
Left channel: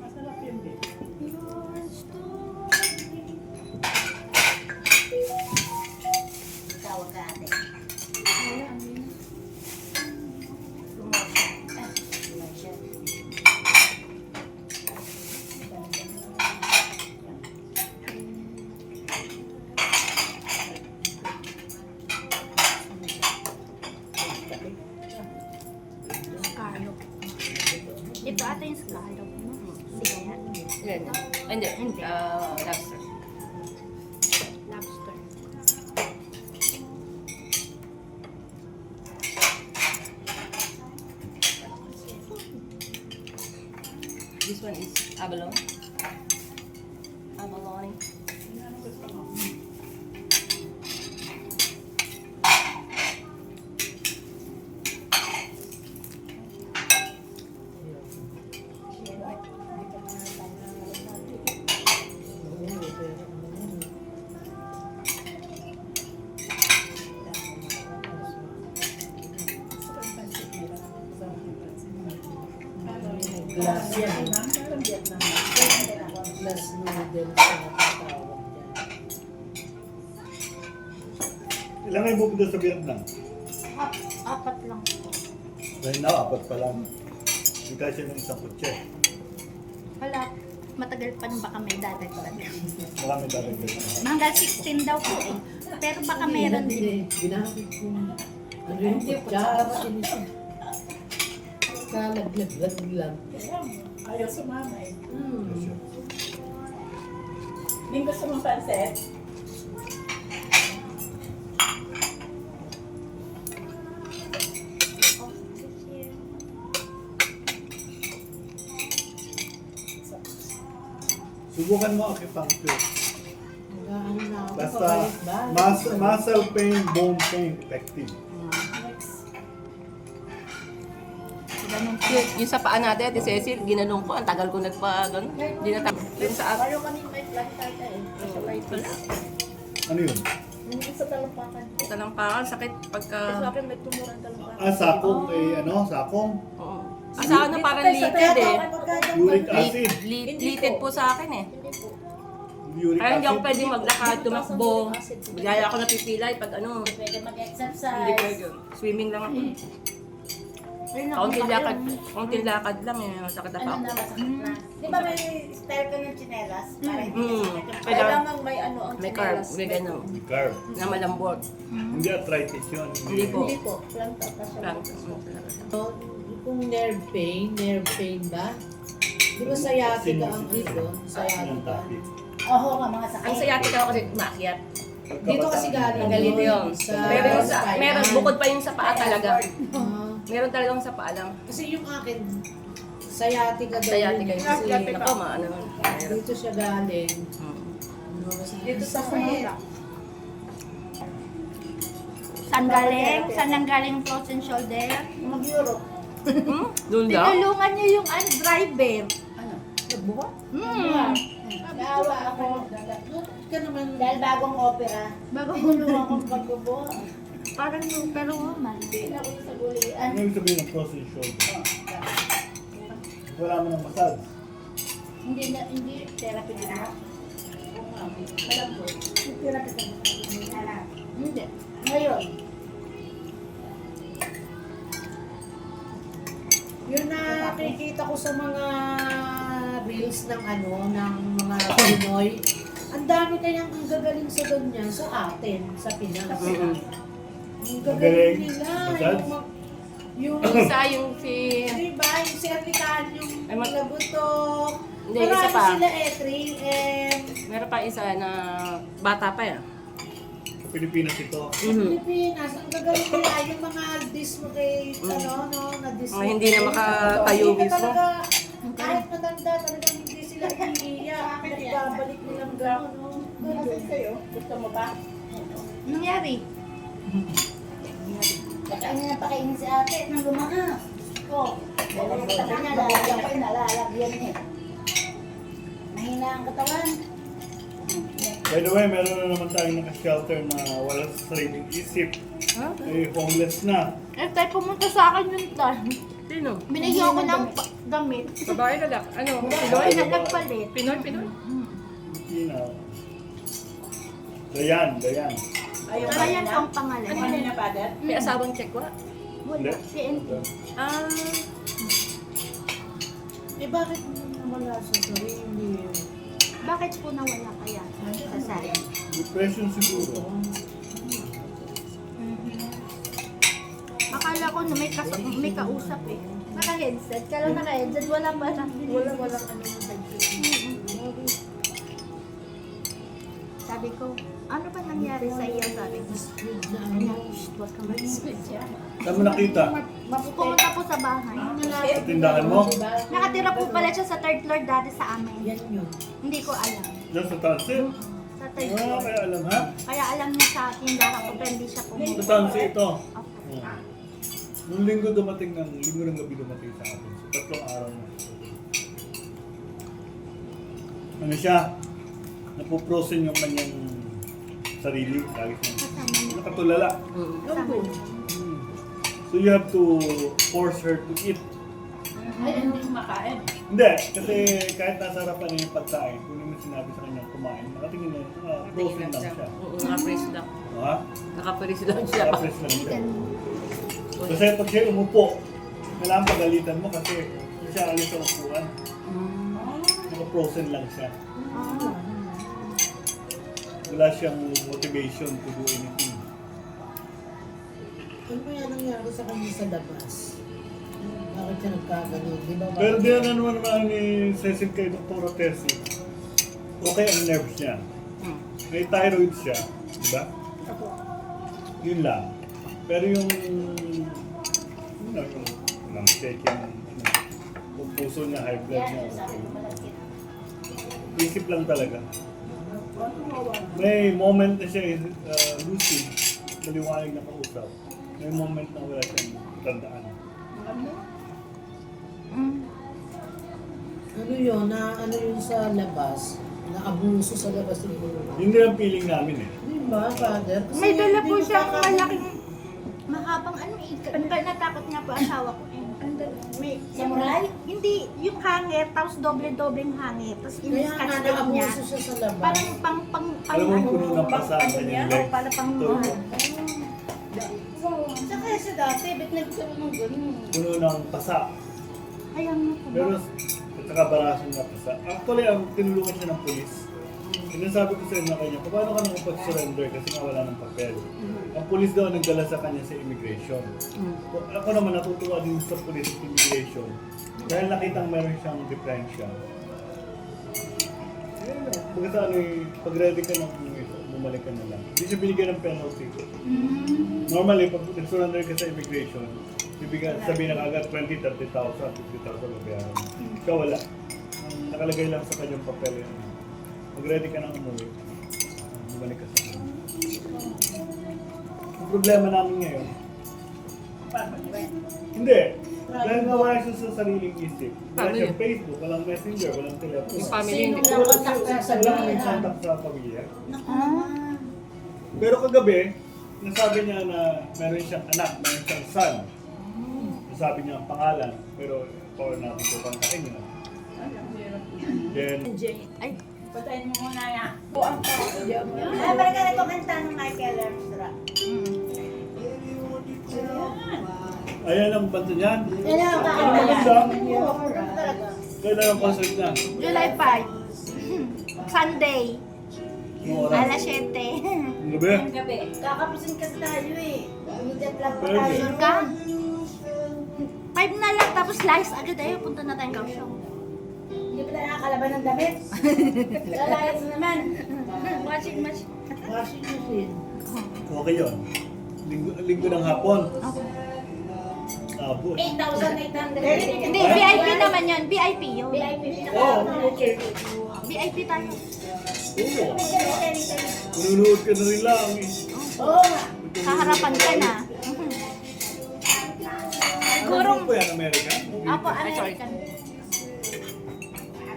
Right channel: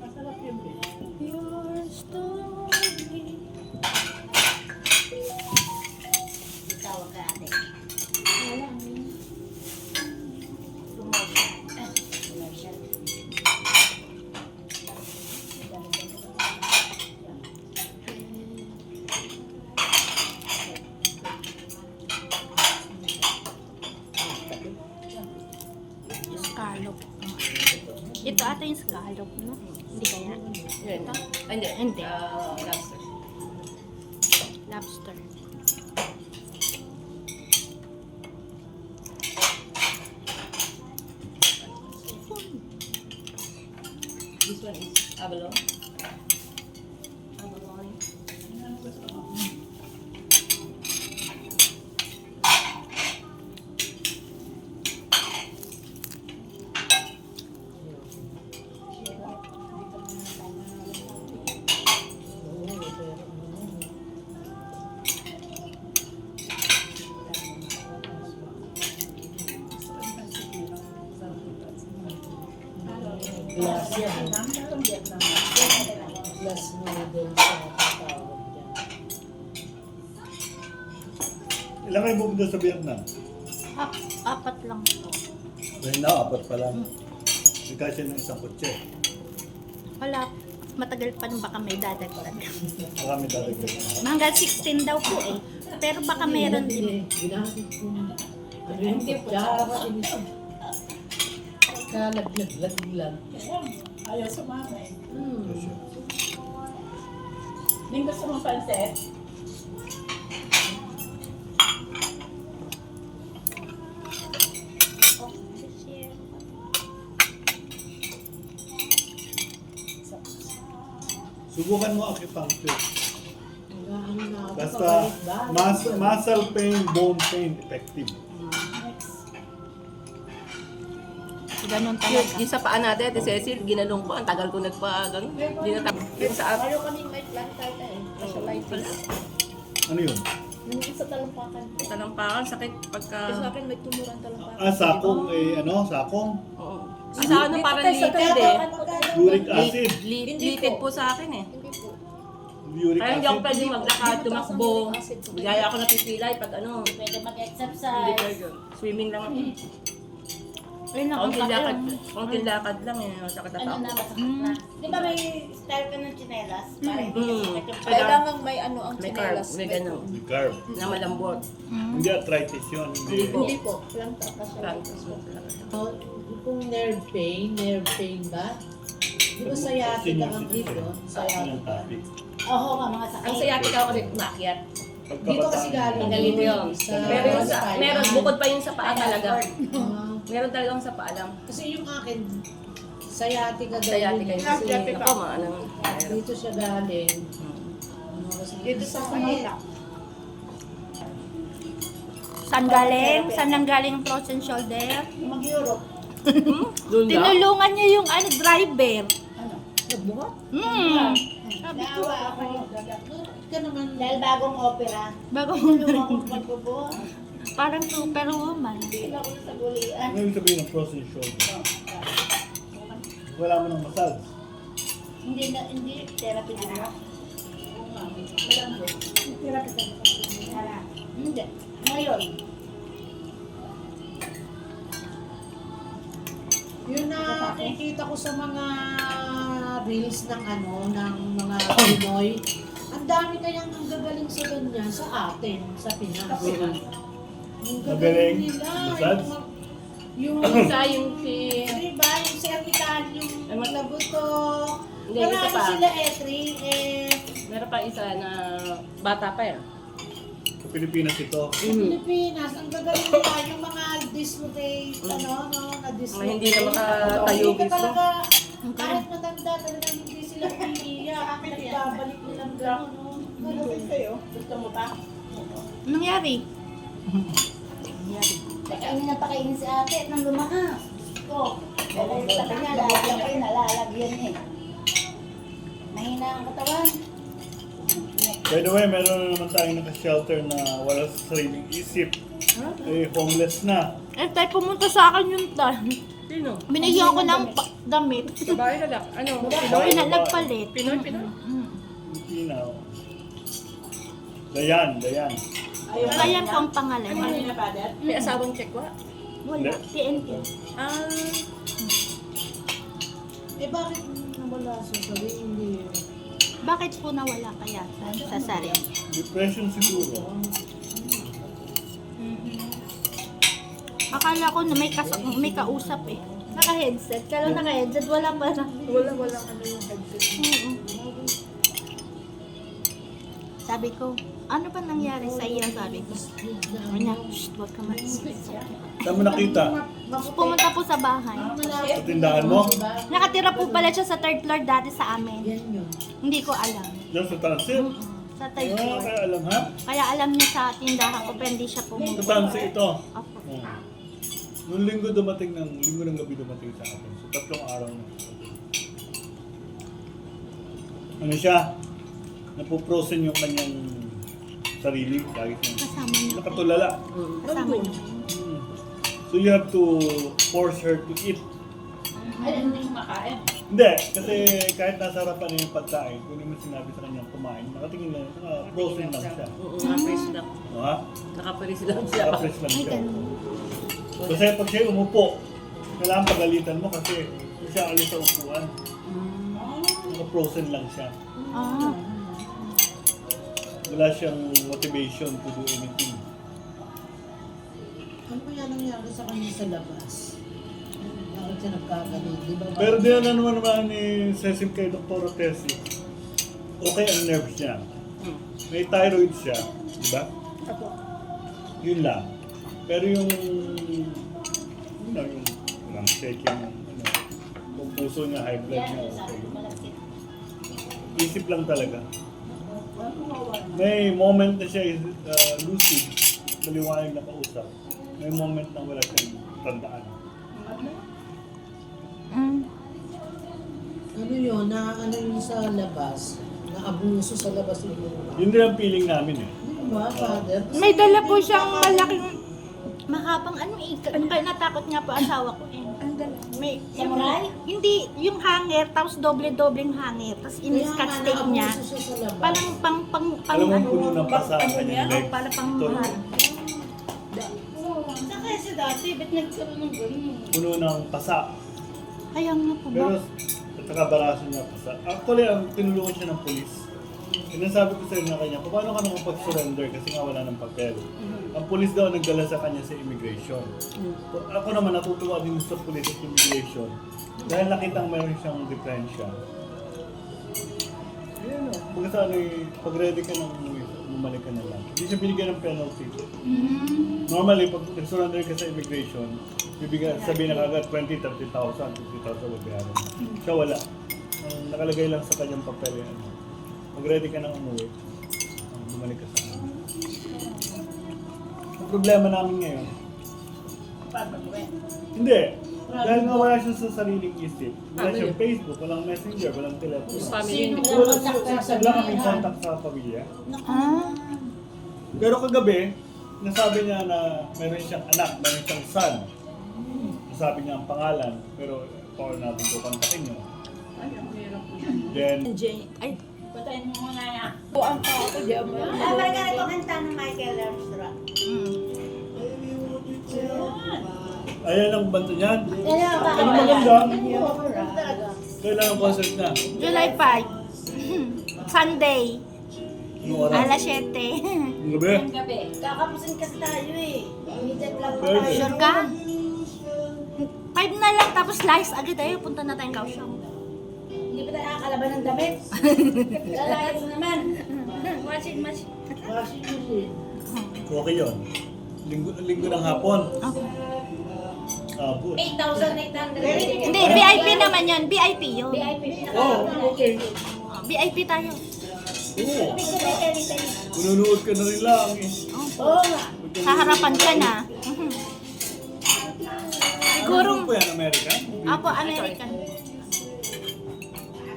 Masarap yun, babe. Tawag ka ate. Promotion. Scallop. Ito ata yung scallop mo. Hindi kaya. Yan. Hindi. Hindi. Lobster. Lobster. one is abalone. Abalone. Glass yan. Glass noodles sa tawag dyan. Ilan kayo pupunta sa Vietnam? Apat lang po. Right now, apat pa lang. May kasi ng isang kotse. Wala. Matagal pa baka may dati pa. Marami dati Vietnam. Hanggang 16 daw po eh. Pero baka meron din. Ginamit ko na. Ano yung kutsara? Kalaglag lang. Ayaw sumama eh. Hmm. May gusto mong pansit? Subukan mo acupuncture. Nag-ano na ako. Basta Kapalit ba? muscle pain, bone pain, effective. Ganun Yung sa paa natin, Ate Cecil, ginanong ko. Ang tagal ko nagpa-ganun. Hindi na yung sa akin. Ayaw kami kahit lang eh. Wala. Ano yun? Yung sa talampakan. Talampakan, sakit pagka... Sa akin may tumurang talampakan. Sakong, sakong. Oo. Sa ano, parang litid eh. Uric acid. Litid po sa akin eh. Uric Kaya hindi ako acid. pwede maglakad, tumakbo. Bigaya ako napipilay pag ano. Pwede Hindi mag-exercise. pwede. Swimming lang ako. Kaunting lakad lang eh. Sakit na pa Ano ako. na, masakit na. Di ba may style ka ng tsinelas? Para hindi ka Mm. sakit yung Kailangan may ano ang may carb, may gano'n. Carb. Na malambot. Hindi arthritis yun. Hindi po. Hindi po. Planta pa siya. Practice mo talaga. So, kung nerve pain ba? Di ba sciatica ang dito? Ang Sciatica. topic. Oo nga, mga sakit. Ang sciatic ako kasi umakyat. Dito kasi galing. Ang galito yun. Sa- Pero yung sa, meron, bukod pa yung sa paa talaga. Ah, Meron talagang sa paa lang. kasi yung akin, sciatica daw Sciatica yun. yun. Kasi Ako, maano. Mahirap. dito siya galing. Hmm. Ano, kasi Dito sa kumita. Saan galing? Saan nang galing frozen shoulder? Mag-Europe. Doon lang? Tinulungan niya yung driver. nagbuka. Gawa ako. Ka naman. Dahil bagong opera. Bagong Tulungan akong pagbubuha. Parang superwoman. Hindi ako sa gulian. Ano yung sabihin ng frozen shoulder? Wala mo ng massage. Hindi, therapy din ako. Therapy din ako. Hindi. Ngayon, Yun na nakikita ko sa mga reels ng ng mga Pinoy. Ang dami kayang ang gagaling sa ganyan sa atin, sa Pinas. Ang Magaling. gagaling nila. Massage? Yung Isa yung si... diba, yung cervical, yung Ay, ma- lagutok. Hindi, isa Marami pa. sila 3M. Meron pa isa na bata pa yan. Pilipinas ito. Sa Pilipinas, ang gagaling nila yung mga dislocate, na-dislocate. Mga hindi na makatayo Hindi ka mismo. talaga, kahit matanda, talagang hindi sila iiyak. Nagbabalik nilang gano'n, no? Bakit kayo? Gusto mo ba? Nangyari? kakainin na pakainin si ate nang lumakas. Oh, sa kanya, lalagyan ko yun, nalalagyan eh. Mahina ang katawan. By the way, meron na naman tayong naka-shelter na wala sa sariling isip. Homeless na. Eh, tayo pumunta sa akin yung tan. Sino? Binigyan ko ng damit. Babae lalak. Ano? Pinoy na nagpalit. Pinoy, Pinoy. You know. Dayan. Kaya po ang pangalan. Ano yun na, father? May asawang tsekwa. Hindi. PNP. Ah, Eh bakit nawala sa sarili? Bakit po nawala kaya sa sarili? Depression siguro. Akala ko na may kausap eh. Naka-headset. Kala naka-headset, wala pa na. wala ano ng headset. Sabi Sabi ko, ano ba nangyari sa iyo? Sabi ko. Sabi niya, shh, huwag ka mag-isip. Saan mo nakita? Pumunta po sa bahay. Sa tindahan mo? Nakatira po pala siya sa third floor dati sa amin. Hindi ko alam. Yan sa transit? Sa third Ah, floor. kaya alam ha? Kaya alam niya sa tindahan ko, pero hindi siya Sa pumunta. transit ito. Oh. Nung linggo ng gabi dumating sa atin. So, 3 araw na. Ano siya? Napuprosen yung kanyang sarili. Dahil Kasama niya. nakatulala. Kasama niya. So you have to force her to eat. Ay, hindi kumakain. Hindi, kasi kahit nasa harapan niya yung pagkain, kung yung sinabi sa kanya kumain, nakatingin lang, frozen lang siya. Oo, nakapress lang. Ha? Nakapress lang siya. Nakapress lang siya. Kasi pag siya umupo, wala ang pagalitan mo kasi hindi siya alis sa upuan. Naka-frozen lang siya. Wala siyang motivation to do anything. Ano kaya nangyari sa kanya sa labas? Bakit siya nagkagaling? Di ba? Pero din ano naman ni Cecil kay Dr. Tessie, okay ang nerves niya. May thyroid siya, di ba? Yun lang. Pero yung shaking, yung puso na high blood niya, okay. Isip lang talaga. May moment na siya lucid, maliwanag na kausap. May moment na wala siyang tandaan. Ano yun? Ano yun sa labas? Na-abuso sa labas siguro. Yun din ang feeling namin eh. Di ba, Father? May dala po siyang malaking mahabang ano eh. Kaya natakot niya po asawa ko eh. Ang dala. May samurai? Hindi, yung hanger, tapos doble-dobleng hanger. Tapos Kaya in-scotch nga tape niya. na-abuso siya sa labas. Parang Alam mo, puno ng pasa ang ano kanyang yan? legs. Para pang Ito, Saka sa dati, ba't nagkaroon ng ganun? puno ng pasa. Kaya nga po. Pero, at saka barasan na pasa. Actually, ang tinulungan siya ng polis. Sinasabi ko sa inyo na kanya, paano ka nang pag-surrender kasi nga wala ng papel. Ang polis daw nagdala sa kanya sa immigration. Ako naman natutuwa din sa polis at immigration. Dahil nakitang meron siyang differential. Pagka ano pag ready ka nang bumalik ka na lang. Hindi siya binigyan ng penalty. Normally, pag nag-surrender ka sa immigration, sabihin na kagad 20, 30,000, 50,000 babayaran mo. Siya wala. Ang nakalagay lang sa kanyang papel yan. Pag ready ka nang umuwi, bumalik ka sa kanya. Ang problema namin ngayon, hindi. Dahil nawala siya sa sariling isip. Wala siyang Facebook, walang messenger, walang telepono. Yung family, Sino hindi ang Wala kontak sa kaming pamilya? contact sa pamilya. Ah. Pero kagabi, nasabi niya na meron siyang anak, meron siyang son. Nasabi niya ang pangalan, pero paano natin ito kontakin niya. Ay, ang hirap. Then, Ay, Patayin mo muna yan. Buwan pa ako. Di ako. ah, parang ka kumanta ng Michael Armstrong. ayan ang banta niyan. Kailan ba? Ang maganda. Kailan ang concert na? July 5. Sunday. Yung oras? Alas 7. Ang gabi? Gabi. Kakapusin kasi tayo eh. Immediate lang Pwede. tayo. Sure ka? 5 na lang, tapos lights agad tayo. Punta na tayong Kaohsiung. Hindi pa tayo nakakalaban ng damit. Lalayas naman. Washing machine. Washing machine. Okay yun. Linggo ng hapon. Abo. 8,800. Hindi, VIP naman yan. VIP yun. VIP. Oh, okay. VIP tayo. Oo. Manunood ka na rin lang eh. Oo nga. Sa harapan ka na. Siguro, Ano po yan, American? ako American.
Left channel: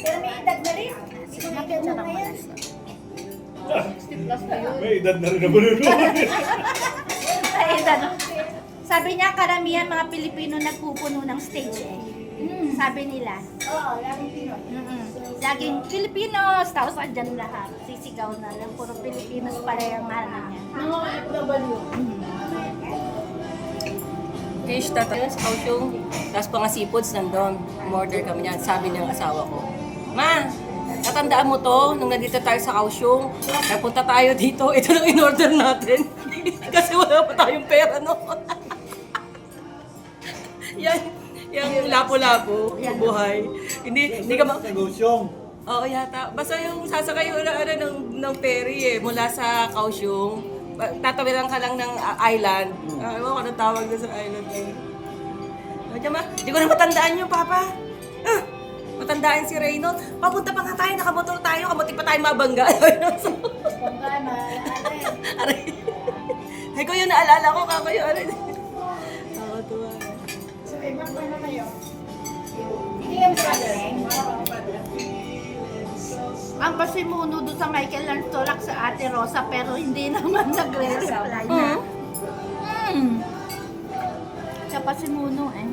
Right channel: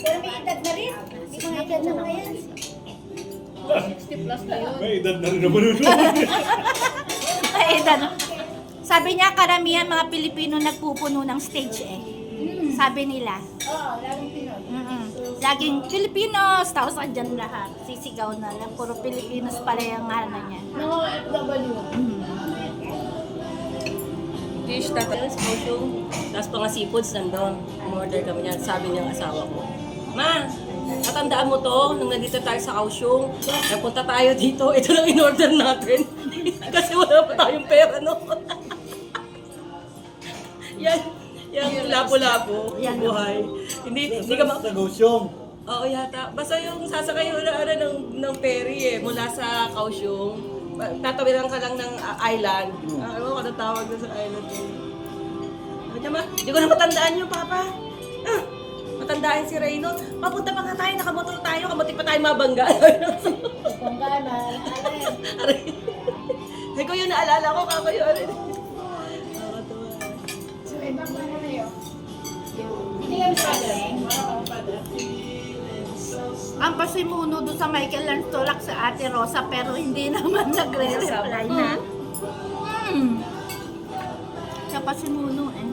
Pero may edad na rin. Hindi ko Napit na na naman. yan. 60 plus na yun. May edad na rin na manunood. Ay, sabi niya, karamihan mga Pilipino nagpupuno ng stage eh. Sabi nila. Oo, laging Pinoy. Laging Filipinos, tapos andyan lahat. Sisigaw na lang, puro Filipinos pala yung ano niya. Mga FW. fish, tatalo sa Kaohsiung. Tapos pang seafoods, nandun. Order kami niyan. Sabi niya ang asawa ko, Ma, natandaan mo to, nung nandito tayo sa Kaohsiung, ay punta tayo dito, ito lang in-order natin. Kasi wala pa tayong pera noon. yan yung lapo-lapo, buhay. Hindi ka Sa Kaohsiung. Oo yata. Basta yung sasakay yung ng ferry mula sa Kaohsiung. Tatawiran ka lang ng island. Alam mo kung anong tawag doon sa island na yun. Hindi ko na matandaan yung papa. Matandaan si Reynold. Papunta pa nga tayo, nakamotor tayo, kamuti pa tayo mabangga. Bangga na. Aray. Ay ko yung naalala ko, kaka yun. Nakakatuwa. So, ibang ano na yun? Hindi lang paling. Ang pasimuno doon sa Michael Lance Tolak sa Ate Rosa pero hindi naman nagre-reply na. Siya pasimuno eh.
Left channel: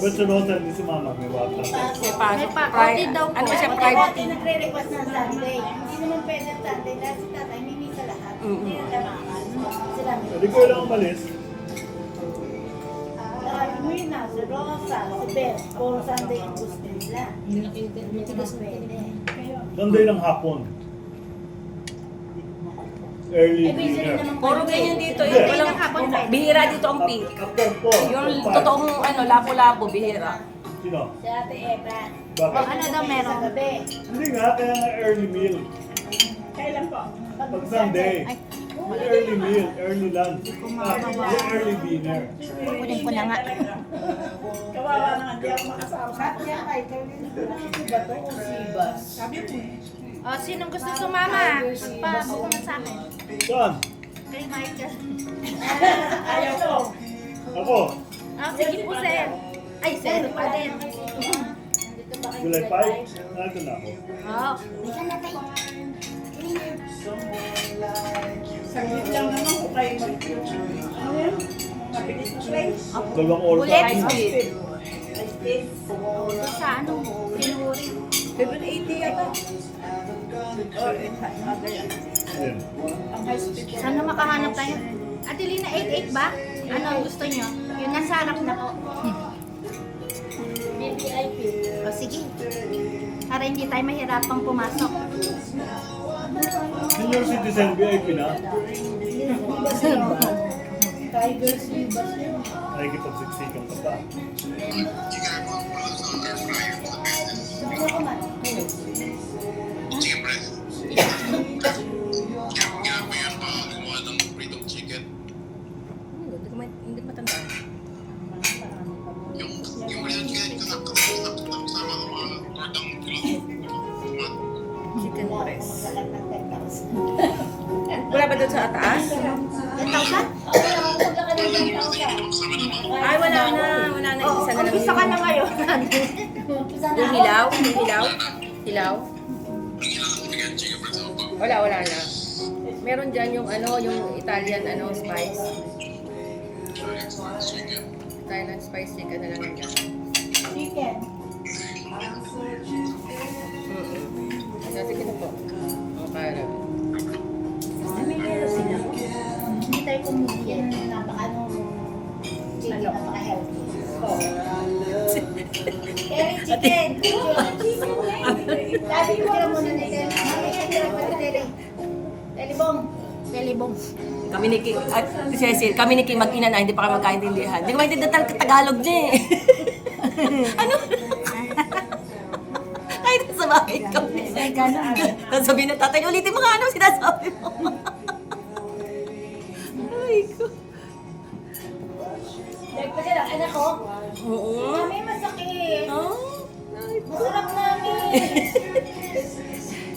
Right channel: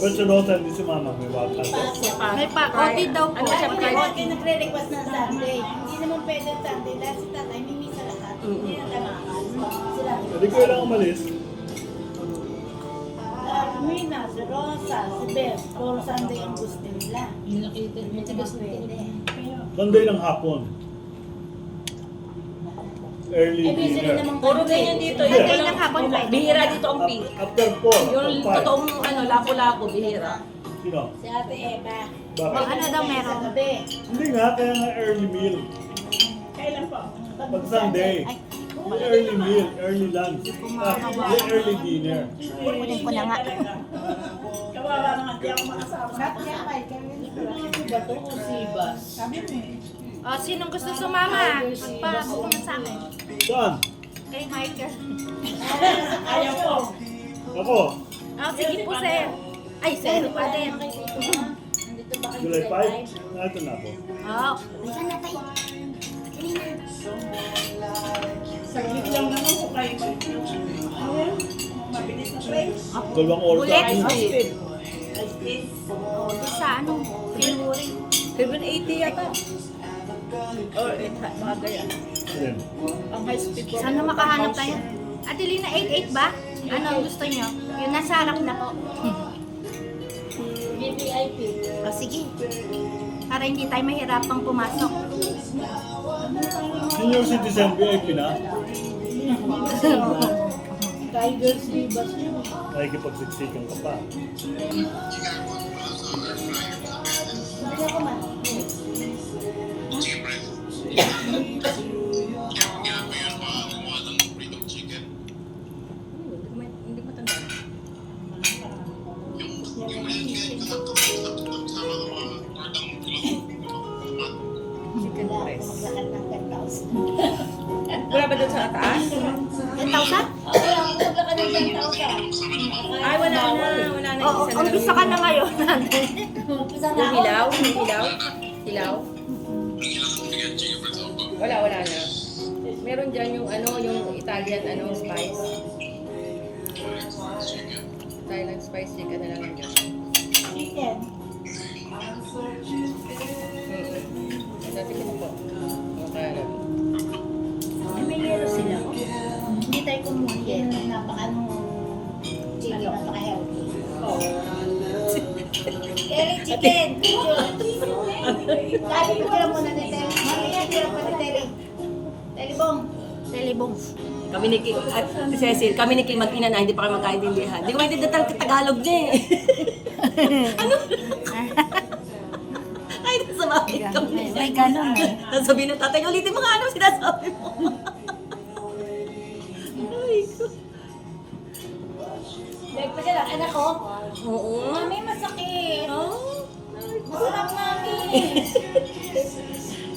But you know that si Mama may wata. May pa-OT daw po. Ano siya, OT. private? Nagre-request ng Sunday. Hindi naman pwede ang Sunday dahil si tatay mimi sa lahat. Hindi na tamakan. Sila. Hindi ko lang umalis. Mina, si Rosa, si Beth, puro Sunday ang gusto nila. Matigas na pwede. Sunday ng hapon. Early Eh, busy rin dinner. naman Puro ganyan dito. Yeah. Yung Sunday ng hapon pwede. Bihira dito ang peak. After 4. Yung totoong lapo-lapo, bihira. Sino? Si Ate Eva. Bakit? Ano daw meron? Sa gabi. Hindi nga, kaya nga early meal. Kailan po? Pag Sunday. Ay, Early meal, early lunch. kumakawa. Early dinner. Kunin ko na nga. Kawawa naman, di ako makasama. Ano ba to? O Sibas? Sabi mo eh. O, sinong gusto sumama? Magpabuko na sa akin. Saan? Kay Michael. Ayaw ko. Ako. Ah, sige po, sir. Ay, sir pa din. July 5. Ito na ako. Oh, bisa na tayo. Dali na. Saglit lang naman kung kayo ano yan? Mabilis na train. Dalawang oras. Bulet. Ay, yes. Oh, doon sa ano, Pinuri. 780 yata. Or, mga ganyan. Ayan. Ang high speed. Saan na makahanap tayo? Ate Lina, 88 ba? Ano ang gusto nyo? Yung nasa harap na po. BPIP. O, sige. Para hindi tayo mahirapang pumasok. Senior citizen VIP na. Tigers Sibas yun. Nakikipagsiksikan ko pa. Ano ko man? Hindi ko matandaan. Chicken breast. Wala ba doon sa taas? 10,000? Okay, ako maglakad ng 10,000. Ay, wala na. Wala na. Oo, Isa na umpisa ka na ngayon. Isa na Yung ako. hilaw? Yung hilaw? Hilaw? Wala na. Meron dyan yung yung Italian spice. Thailand spice chicken na lang dyan. Chicken. Tignan po. Okay. Namigil sila. Hindi tayo kumugin. Chicken, napaka-healthy. Chicken! Lagi ko lang muna na ito. Mamaya tira pa rin Terry. Telebong. Telebong. Kami ni King, si Cecil, kami ni King mag-ina na hindi pa kami magkaintindihan. Hindi ko maintindihan ang Tagalog niya eh. Ano? Ay, nasabi ko. Ay, ganun eh. Nasabi na tatay, ulitin mo nga ano sinasabi mo. Ay, ko. Dahil pa anak ko. Oo. Mami, masakit. Masarap mami.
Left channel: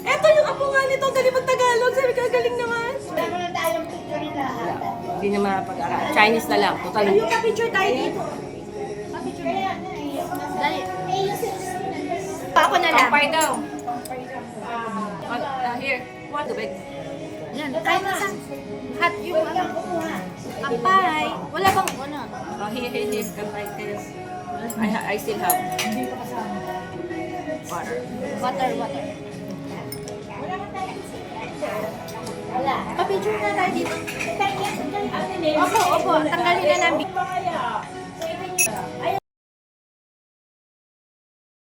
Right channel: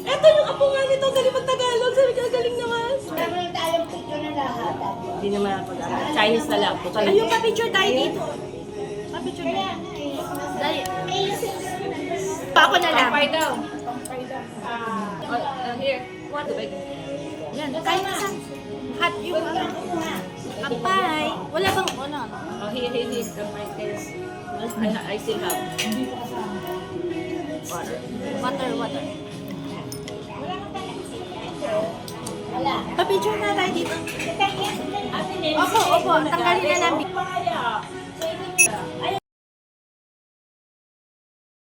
Eto yung apo nga nito, galing mag-Tagalog. Sabi ka, galing naman. Dami na tayong picture na lahat. Hindi na mapag-aral. Chinese na lang. Total. Ayun, pa-picture tayo dito. Pa-picture Kaya tayo. nga eh. Dali. Pa ako na lang. Pampay daw. Here. What the bag? Yan, kaya na saan? Hot yung ano. Kampay. Wala bang, wala. Here. Pampay kayo. I still have water. Water. Wala. Pa-picture na tayo dito. Ate Len. Opo. Tanggalin na namin. Kaya.